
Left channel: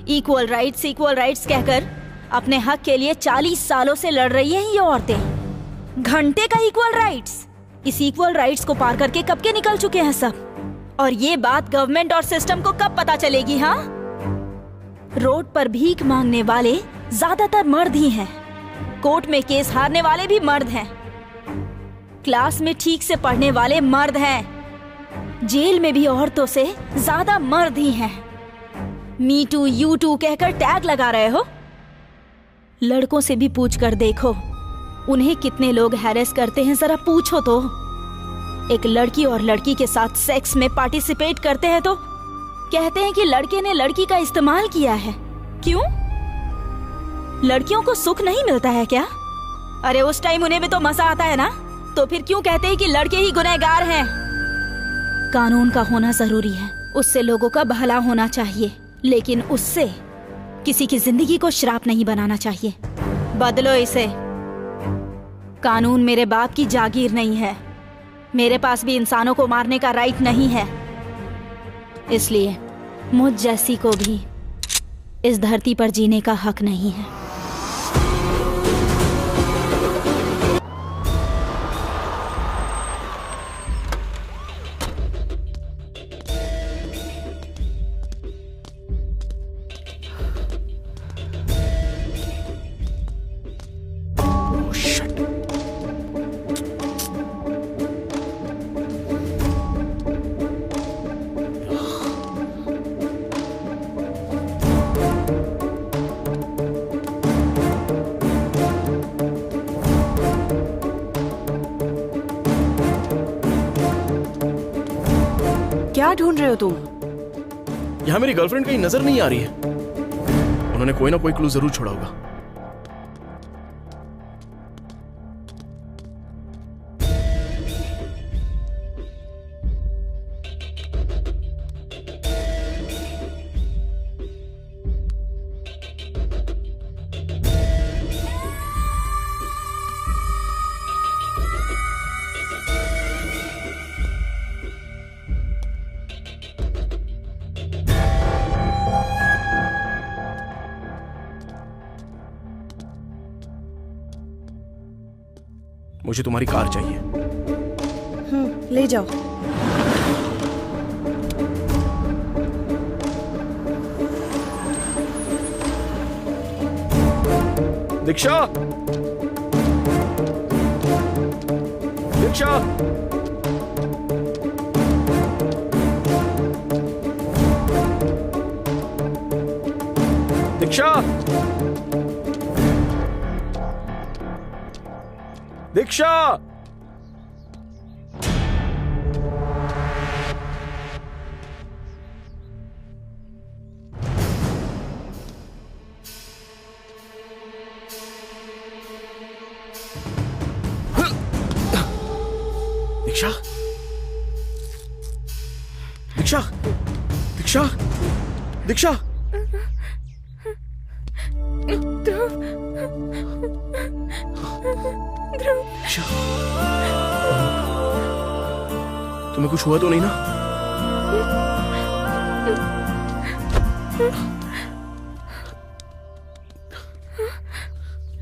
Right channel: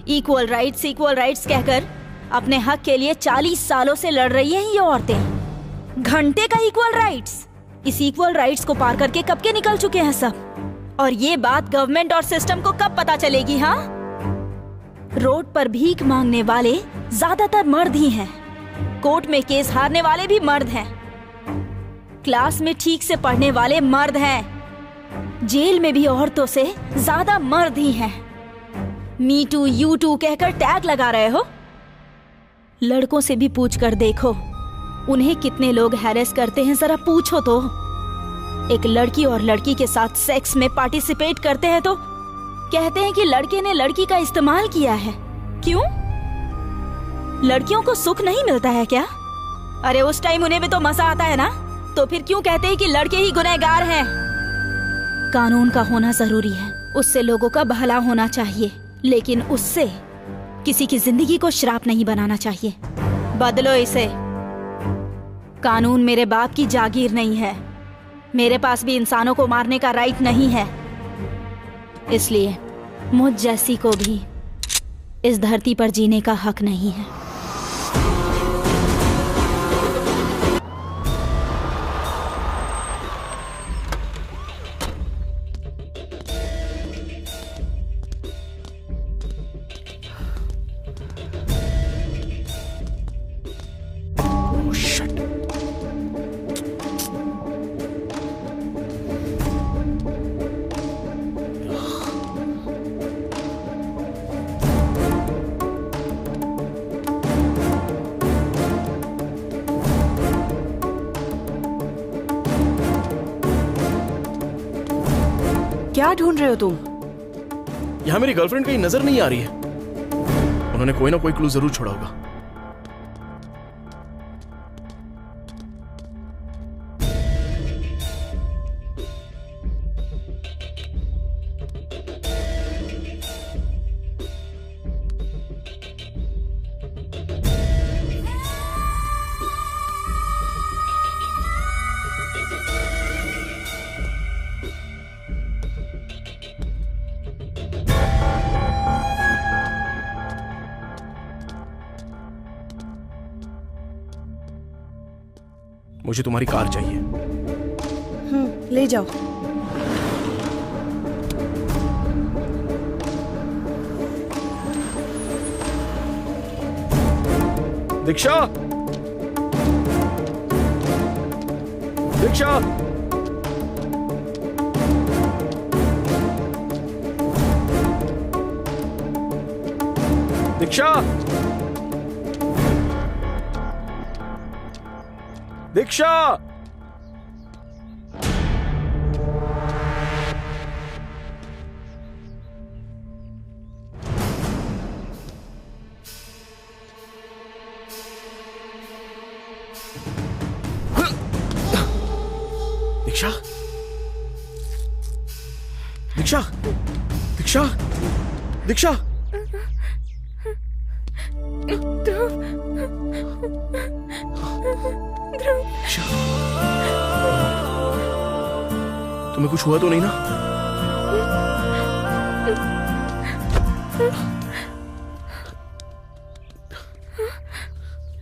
Equal rights कहकर अपने हक के लिए 40 सालों से लड़ रही हैं ये औरतें। घंटे का इक्वल राइट्स। इस इक्वल राइट्स को पार करके कब के निकल चुके हैं सब। और ये बात गवर्नमेंट और सिस्टम को कब पता चलेगी? हाँ, रोड पर भीख मांगने वाले ज्यादातर मर्द ही हैं। कोर्ट में केस हारने वाले भी मर्द हैं। क्लास में ठीक से पढ़ने वाले मर्द हैं। जेल में भी औरतों से ज्यादा मर्द ही हैं। मी टू यू टू कहकर टैग लगा रहे हो। लड़कों से भी पूछ कर देखो उन्हें कितने लोग हैरेस करते हैं, जरा पूछो तो। एक लड़की और लड़की के साथ सेक्स में पार्टिसिपेट करते हैं तो कहते हैं कि लड़के ने लड़की का इस्तेमाल किया है। क्यों? लड़कियों को सुख नहीं मिलता है क्या? अरे उस टाइम उन्हें भी तो मजा आता है ना, तो फिर क्यों कहते हैं कि लड़के ही गुनहगार हैं? कानून का होना जरूरी है, उससे लोगों का भला होना चाहिए, लेकिन उससे किसी की जिंदगी को श्राप नहीं बनाना चाहिए। बदलो इसे। कानून मेरे बाप की जागीर नहीं है। मेरे पास भी इंसानों को मारने का राइट नहीं है। इसलिए मुझ जैसी को भी इस धरती पर जीने का हक नहीं है। क्या ढूंढ रहे हो तुम? यहाँ मेरी गर्लफ्रेंड कहीं नजर नहीं आ रही है। उन्होंने कोई ना कोई क्लू जरूर छोड़ा होगा। मुझे तुम्हारी कार चाहिए। ले जाओ। दीक्षा, दीक्षा, दीक्षा, दीक्षा। दीक्षा, दीक्षा, दीक्षा, दीक्षा। तुम्हें कुछ हुआ तो नहीं ना?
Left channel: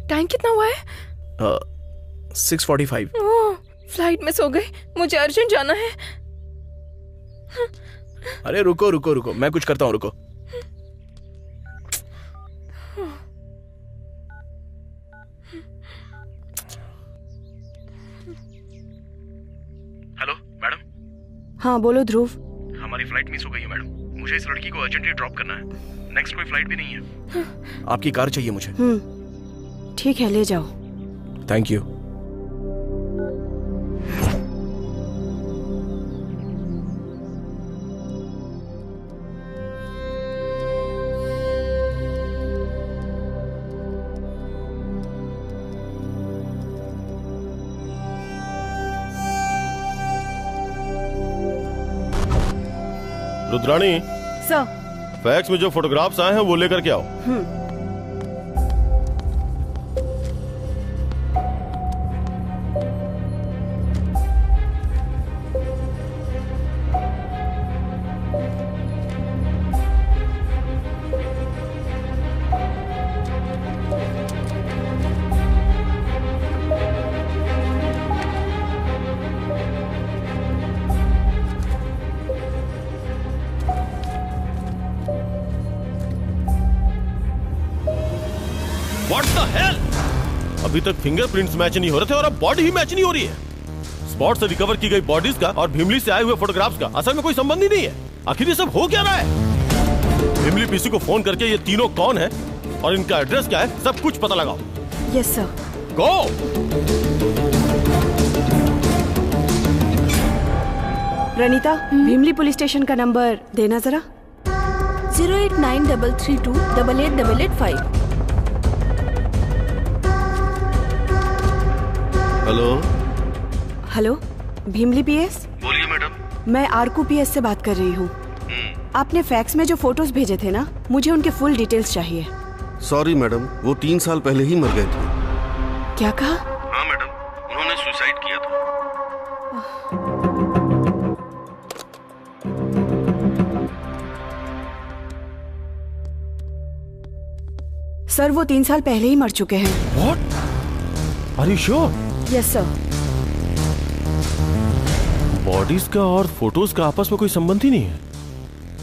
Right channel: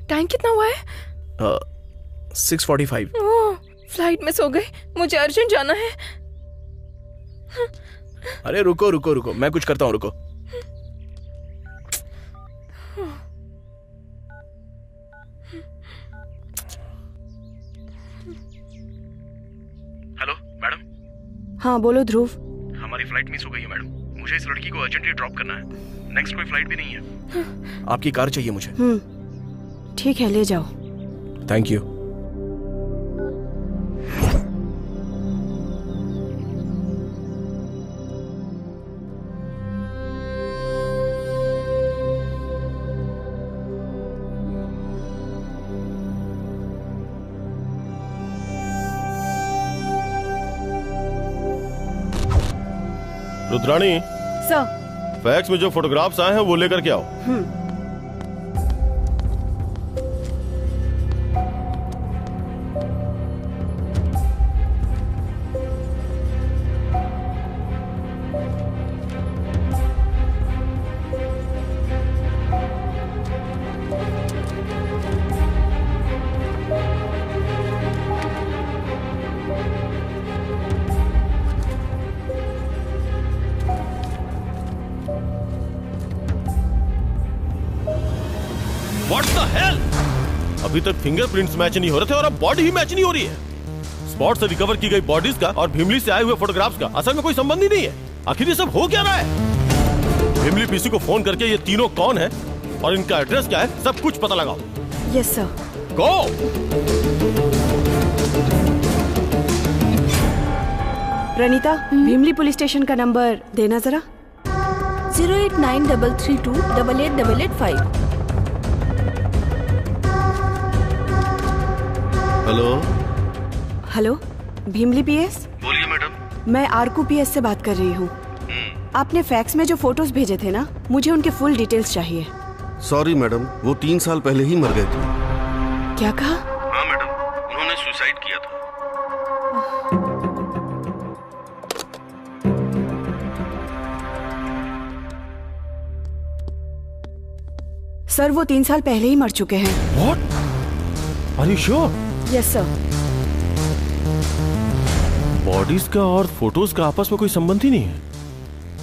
टाइम कितना हुआ है? 6:45। फ्लाइट मिस हो गई, मुझे अर्जेंट जाना है। अरे रुको रुको रुको, मैं कुछ करता हूँ, रुको। Hello madam. हाँ बोलो ध्रुव। हमारी फ्लाइट मिस हो गई है मैडम, मुझे इस लड़की को अर्जेंटली ड्रॉप करना है। नेक्स्ट कोई फ्लाइट भी नहीं है। आपकी कार चाहिए मुझे। ठीक है, ले जाओ। Thank you. Rudrani, sir. Fax में जो फोटोग्राफ्स आए हैं वो लेकर के आओ। What the hell? अभी तक फिंगरप्रिंट्स मैच नहीं हो रहे थे और अब बॉडी ही मैच नहीं हो रही है। स्पॉट से रिकवर की गई बॉडीज का और भीमली से आए हुए फोटोग्राफ्स का असल में कोई संबंध ही नहीं है। आखिर ये सब हो क्या रहा है? भीमली पीसी को फोन करके ये तीनों कौन है और इनका एड्रेस क्या है, सब कुछ पता लगाओ। Yes sir. Go. Praneeta, Bheemili police station का नंबर देना जरा। 08933288885। हेलो। Hello, Bheemili PS. बोलिए मैडम। मैं आरकू पीएस से बात कर रही हूँ। आपने फैक्स में जो फोटोज भेजे थे ना, मुझे उनके फुल डिटेल्स चाहिए। सॉरी मैडम, वो 3 साल पहले ही मर गए थे। क्या कहा? हाँ मैडम, उन्होंने सुसाइड किया था। सर, वो 3 साल पहले ही मर चुके हैं। What? Are you sure? Yes sir. Bodies का और फोटोज का आपस में कोई संबंध ही नहीं है।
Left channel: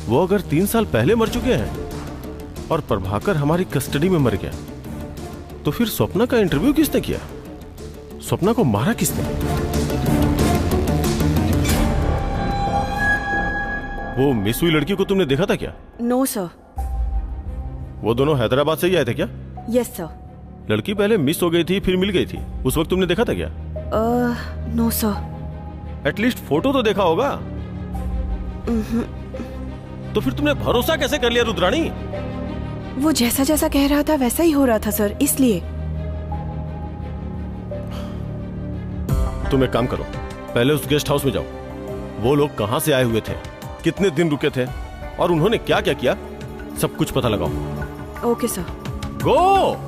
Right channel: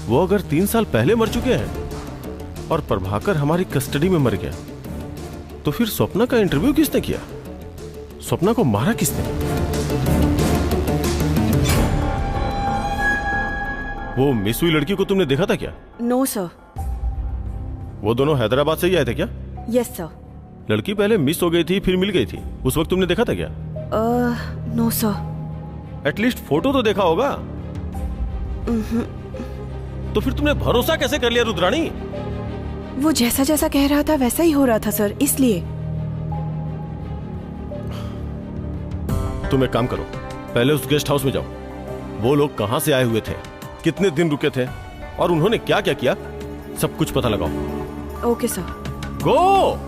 वो अगर 3 साल पहले मर चुके हैं और प्रभाकर हमारी कस्टडी में मर गया, तो फिर स्वप्ना का इंटरव्यू किसने किया? स्वप्ना को मारा किसने? वो मिस हुई लड़की को तुमने देखा था क्या? No sir. वो दोनों हैदराबाद से ही आए थे क्या? Yes sir. लड़की पहले मिस हो गई थी, फिर मिल गई थी, उस वक्त तुमने देखा था क्या? No sir. एटलीस्ट फोटो तो देखा होगा। तो फिर तुमने भरोसा कैसे कर लिया रुद्राणी? वो जैसा जैसा कह रहा था वैसा ही हो रहा था सर, इसलिए। तुम एक काम करो, पहले उस गेस्ट हाउस में जाओ। वो लोग कहां से आए हुए थे, कितने दिन रुके थे और उन्होंने क्या क्या किया, सब कुछ पता लगाओ। Okay sir. गो।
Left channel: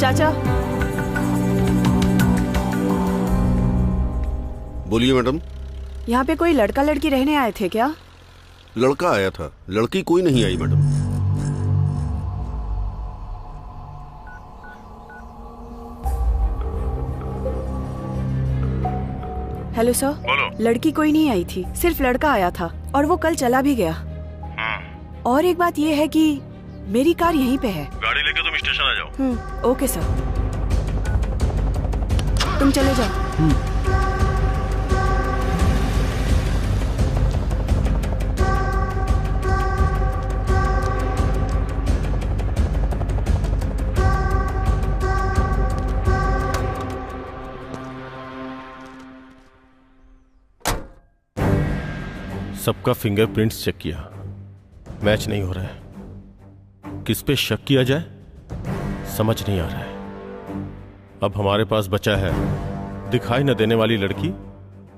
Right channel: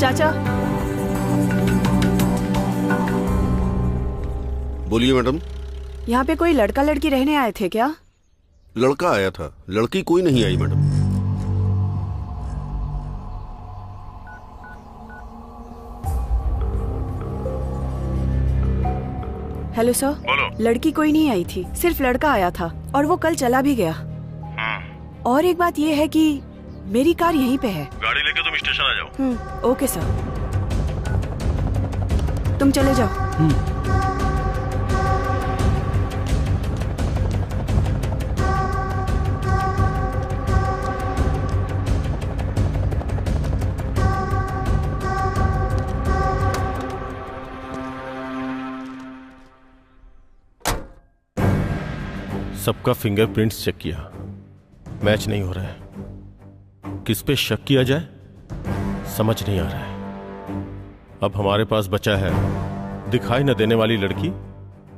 चाचा। बोलिए मैडम। यहाँ पे कोई लड़का लड़की रहने आए थे क्या? लड़का आया था, लड़की कोई नहीं आई मैडम। Hello sir. बोलो। लड़की कोई नहीं आई थी, सिर्फ लड़का आया था और वो कल चला भी गया। और एक बात ये है कि मेरी कार यहीं पे है। गाड़ी लेके तुम स्टेशन आ जाओ। Okay sir. तुम चले जाओ। सबका फिंगरप्रिंट्स चेक किया, मैच नहीं हो रहा है। किस पे शक किया जाए समझ नहीं आ रहा है। अब हमारे पास बचा है दिखाई न देने वाली लड़की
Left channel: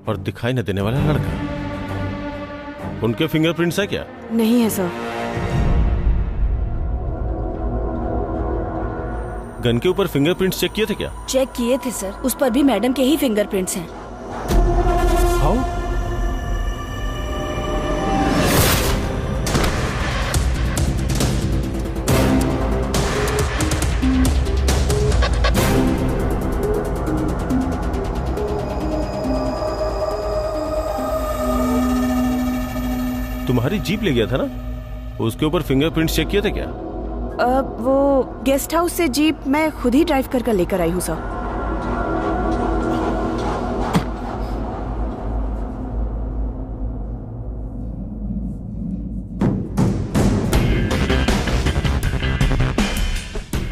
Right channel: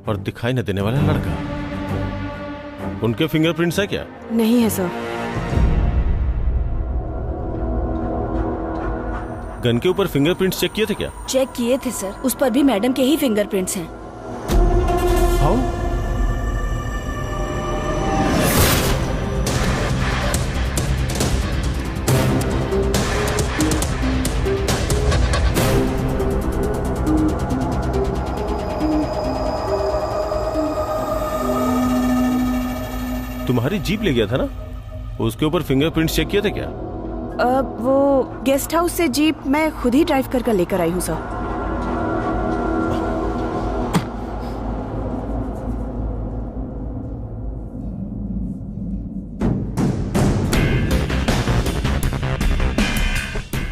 और दिखाई न देने वाला लड़का। उनके फिंगरप्रिंट्स है क्या? नहीं है सर। गन के ऊपर फिंगरप्रिंट्स चेक किए थे क्या? चेक किए थे सर, उस पर भी मैडम के ही फिंगरप्रिंट्स हैं। हाउ? तुम्हारी जीप ले गया था ना, उसके ऊपर फिंगरप्रिंट्स चेक किए थे क्या? वो गेस्ट हाउस से जीप मैं खुद ही ड्राइव कर लेकर आई हूँ सर।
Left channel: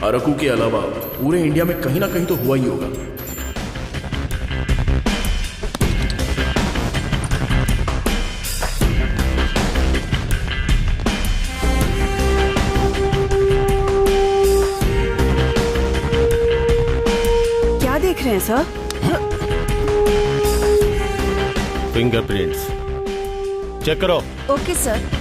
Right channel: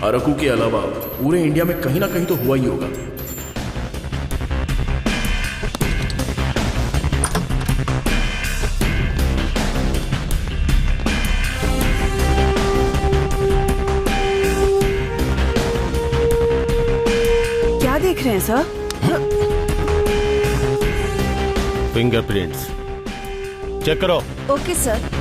अरकू के अलावा पूरे इंडिया में कहीं ना कहीं तो हुआ ही होगा। क्या देख रहे हैं सर? फिंगरप्रिंट्स चेक करो। Okay sir.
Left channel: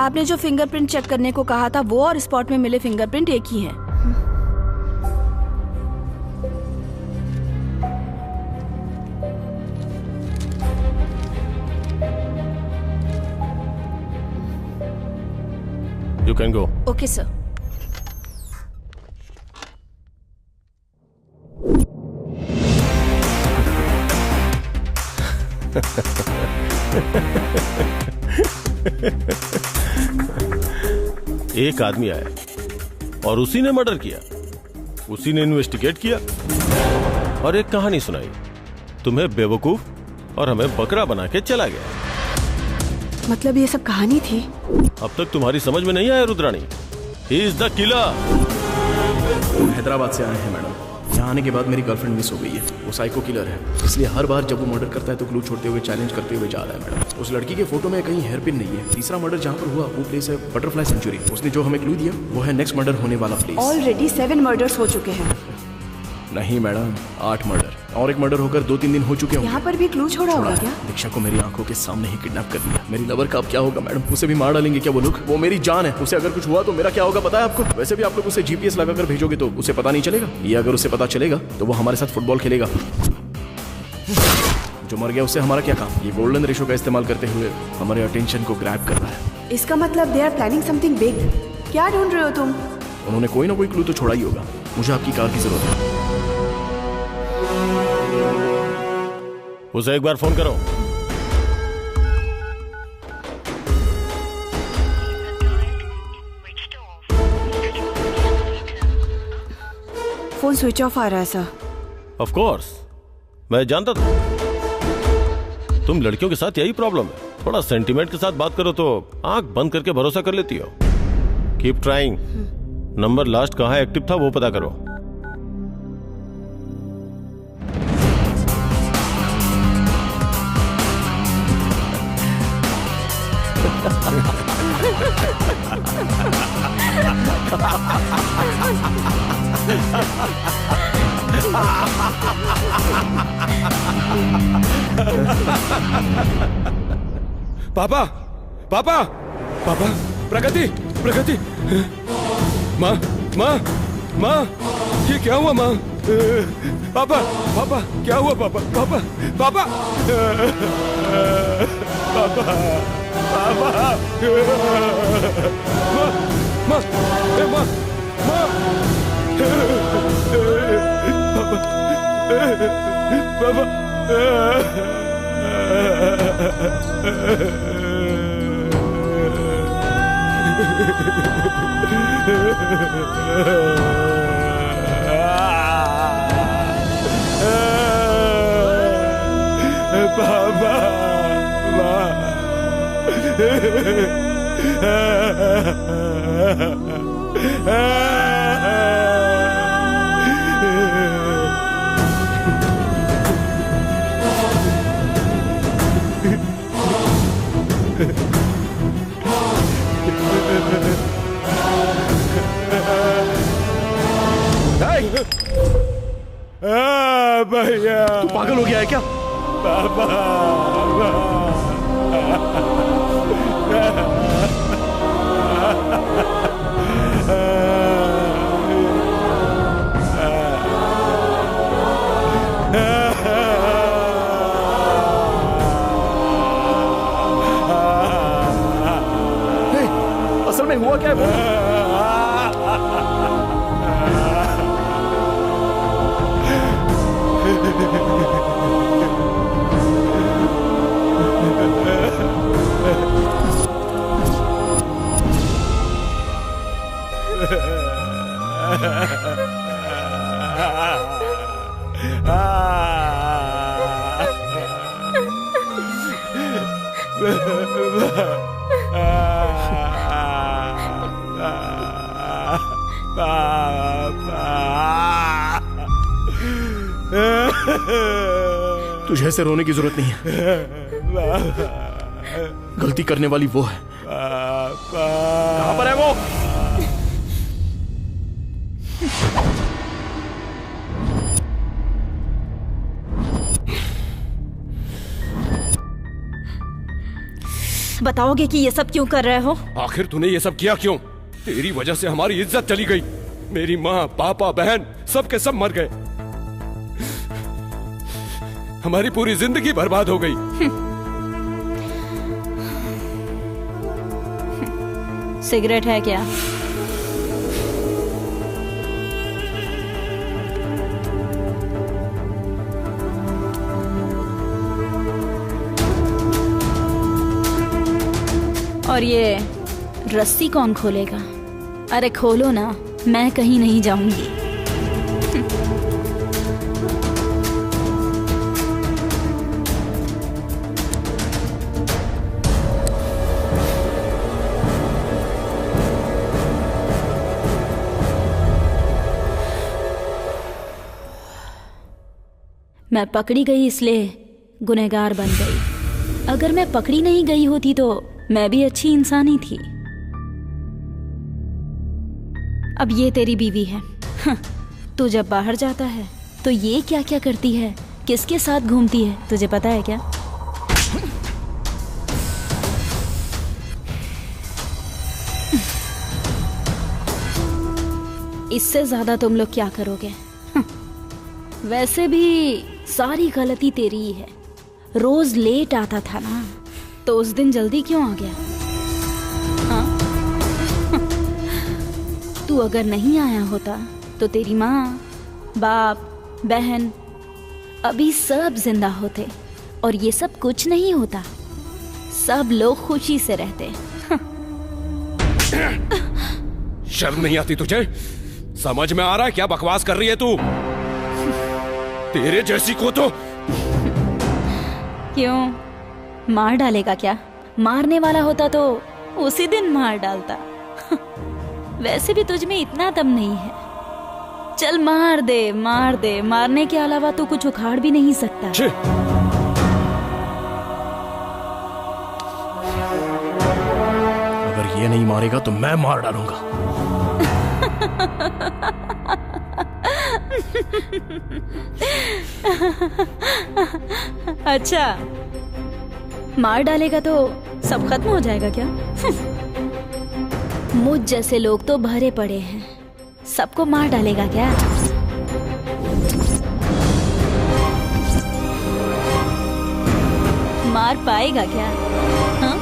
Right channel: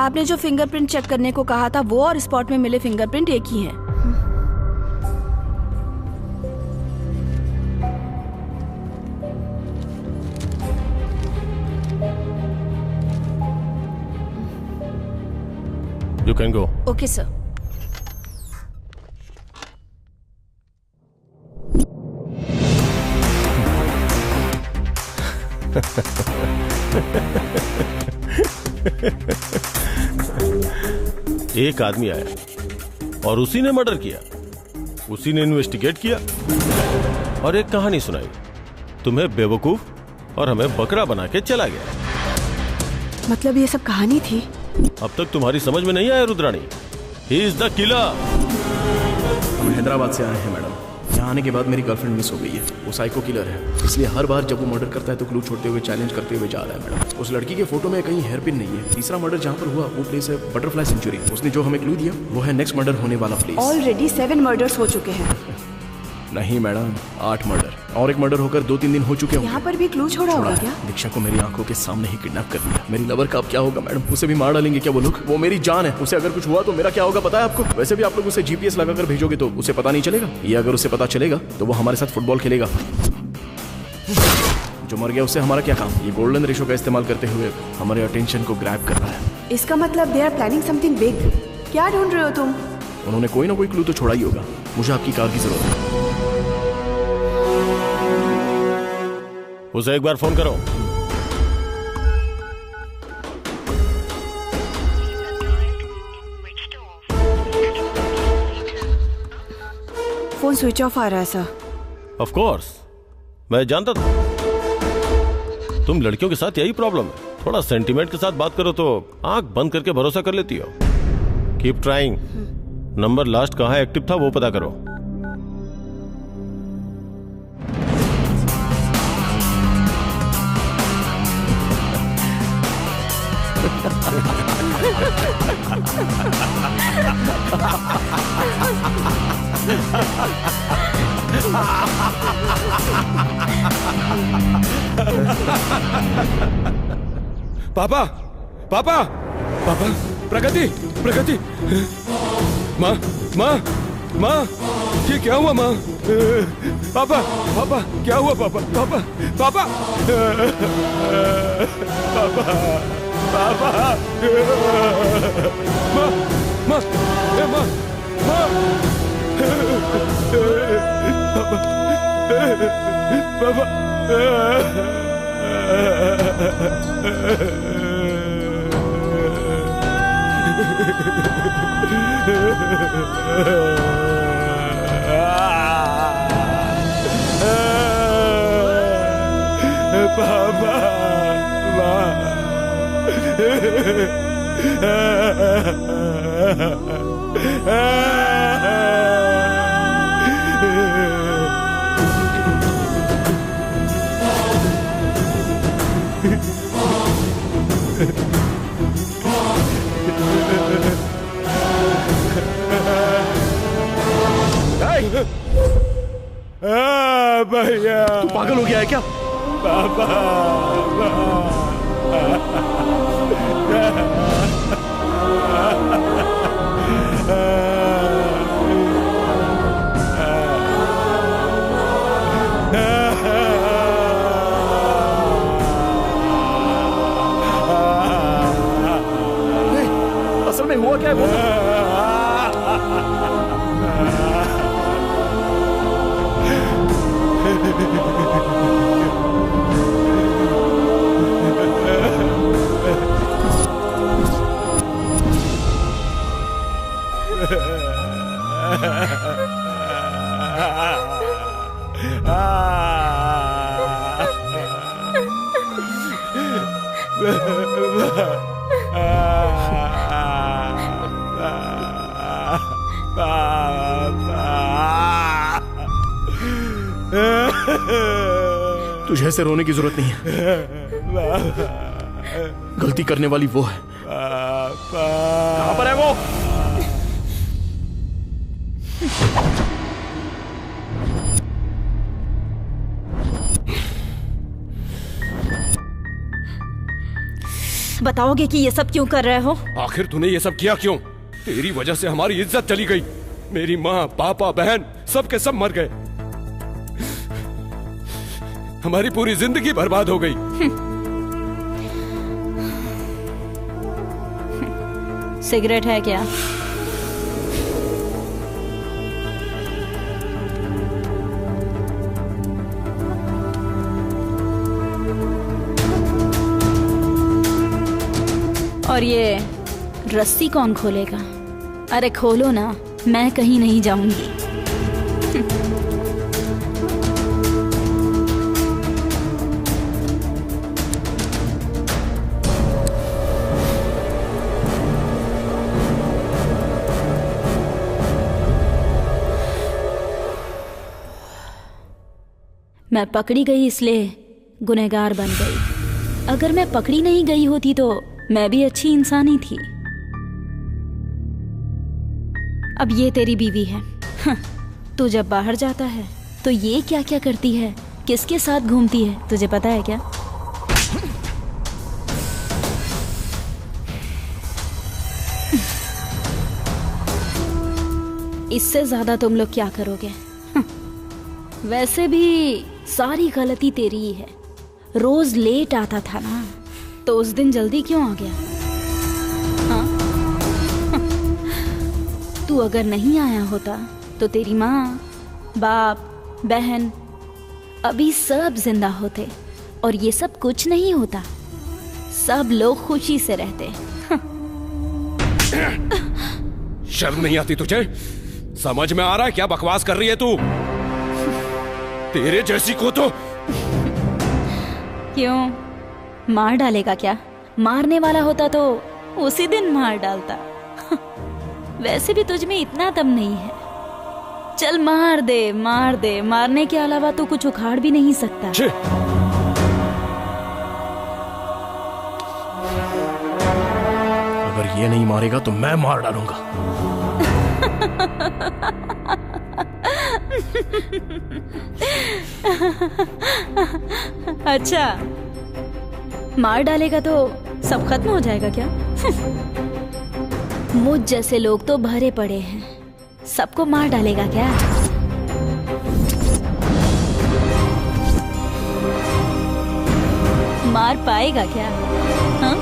आपने जो फिंगरप्रिंट चेक करने को कहा था वो और स्पॉट में मिले फिंगरप्रिंट एक ही हैं। You can go. Okay sir. एक आदमी आया और उसी ने मर्डर किया, उसी ने इन्वेस्टिगेट किया और एक कहानी सुनाई। तुम्हें बेवकूफ और हमें बकरा बना के चला गया। मतलब ये सब कहानी थी? अब तक तुम्हारी समझ में नहीं आया Rudrani? He is the killer. हम हैदराबाद से आए हैं मैडम। यहाँ आने के बाद मेरी गर्लफ्रेंड मिस हो गई है। वो साइको किलर है, इसलिए हर बार जब वो मर्डर करता है तो क्लू छोड़ते हुए चैलेंज करते हुए जा रहा है मैडम। उस लड़की के फोटो में कहीं हेयर पिन नहीं है। तीसरा मर्डर जहाँ पर हुआ वो प्लेस है बटरफ्लाई सेंचुरी। उसने जो हमें क्लू दिया वो है नेक्स्ट मर्डर होने वाला प्लेस। ऑलरेडी 7 मर्डर्स हो चुके हैं। नहीं मैडम, 8 मर्डर और एक मर्डर होकर 2-3 दिन हो चुके होंगे। यहाँ पर भी क्लू छोड़ा होगा क्या? दीक्षा को मेरी आंखों के सामने ही किडनैप कर लिया। मेरी लवर का अब क्या होगा मैडम? उसे भी मार डालेंगे क्या वो लोग? वो मेरी जान है, उसे अगर कुछ हुआ तो मेरा क्या होगा पता है आपको? वैसे भी आप लोग उसे जीपीएस लगाकर भेजोगे तो उसे पता नहीं चलेगा। ये अगर उसे पता चलेगा तो वो हमारे साथ फुटबॉल खेलेगा। जो मर गया उससे हमारा क्या काम? ये गोल्डन रेशो का इस्तेमाल करते हुए हमारे अटेंशन को ग्रैब कर रहा है। इसका मतलब they are planning something big. क्या ढूंढ रहे हो तुम? उन्होंने कोई ना कोई क्लू तो छोड़ा ही होगा। मुझे आपकी कार की जरूरत है। उसे एक बार फोन करो। फोन स्विच ऑफ आ रहा है सर। ऑफ कोर्स, मैं जानता था तुम लड़कियों के साथ यही प्रॉब्लम है। थोड़ा सेंटीमेंट के साथ बात करो तो आंख बंद करके भरोसा कर लेती हो। Keep trying. नंबर लास्ट कहाँ एक्टिव था वो पता करो। पापा पापा पापा, प्रगति प्रगति, माँ माँ माँ, ये क्या हुआ माँ? पापा पापा क्या हुआ पापा? पापा पापा पापा पापा, माँ माँ माँ माँ, पापा पापा, पापा भैया तू पागल हो गया है क्या? पापा असल में हुआ क्या है वो? तुझे ऐसे रोने की जरूरत नहीं है। गलती करने वाली वो है। कहां पर है वो? बताओगे कि ये सब क्यों कर रहे हो? आखिर तूने ये सब किया क्यों? तेरी वजह से हमारी इज्जत चली गई। मेरी माँ, पापा, बहन सब के सब मर गए। हमारी पूरी जिंदगी बर्बाद हो गई। सिगरेट है क्या? और ये रस्सी कौन खोलेगा? अरे खोलो ना, मैं कहीं नहीं जाऊंगी। मैं पकड़ी गई इसलिए गुनहगार बन गई। अगर मैं पकड़ी नहीं गई होती तो मैं भी अच्छी इंसान ही थी। अब ये तेरी बीवी है। तू जब बाहर जाता है तो ये क्या क्या करती है, किसके साथ घूमती है, तुझे पता है क्या? इससे ज्यादा तुम लोग क्या करोगे? वैसे भी सारी गलती तेरी ही है। रोज लेट आता था ना, तो उस दिन जल्दी क्यों आ गया? हाँ? तू अगर नहीं आया होता तो तेरी माँ, बाप, बहन अभी सब जिंदा होते और ये सब कुछ नहीं होता। सब लोग खुशी से रहते। शर्म नहीं आती तुझे? समझ में आ रहा है क्या बकवास कर रही है तू? तेरे जैसी को तो क्यों मार डालेगा क्या? मारने वाला होता तो उसी दिन मार डालता। वैसे भी तुझ में इतना दम नहीं है। चल मार दे, मार दे। मारने के अलावा तू कुछ उखाड़ भी नहीं सकता। अगर ये नहीं मारेगा तो मैं मार डालूंगा। अच्छा, मार डालेगा तो सब खत्म हो जाएगा क्या? मुझ जैसे लोग तो भरे पड़े हैं, सबको मार डालेगा क्या? मार पाएगा क्या? हाँ?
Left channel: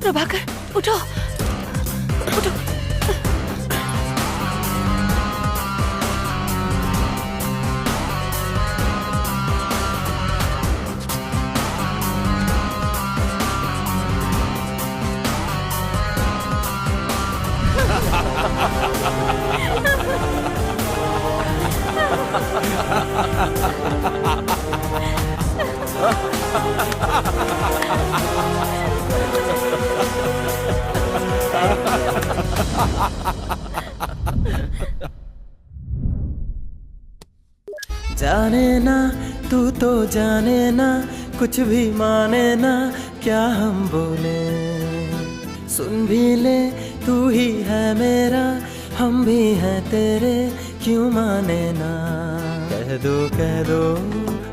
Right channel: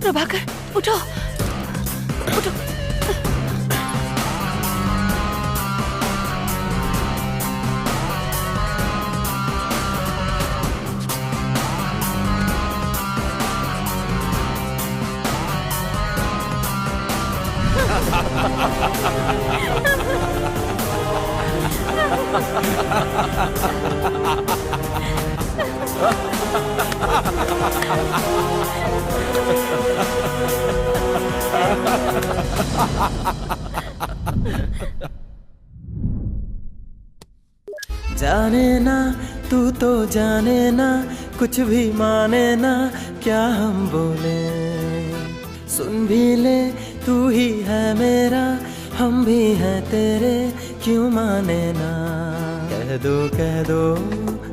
प्रभाकर, उठो, उठो। जाने ना तू तो जाने ना कुछ भी माने ना क्या हम बोले, सुन भी ले तू ही है मेरा हम भी हैं तेरे क्यों माने ना, कह दो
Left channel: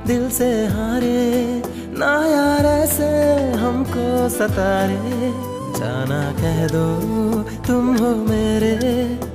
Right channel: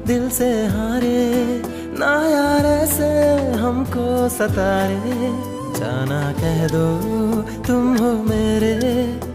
दिल से हारे ना यार ऐसे हमको सतारे, जाना कह दो तुम हो मेरे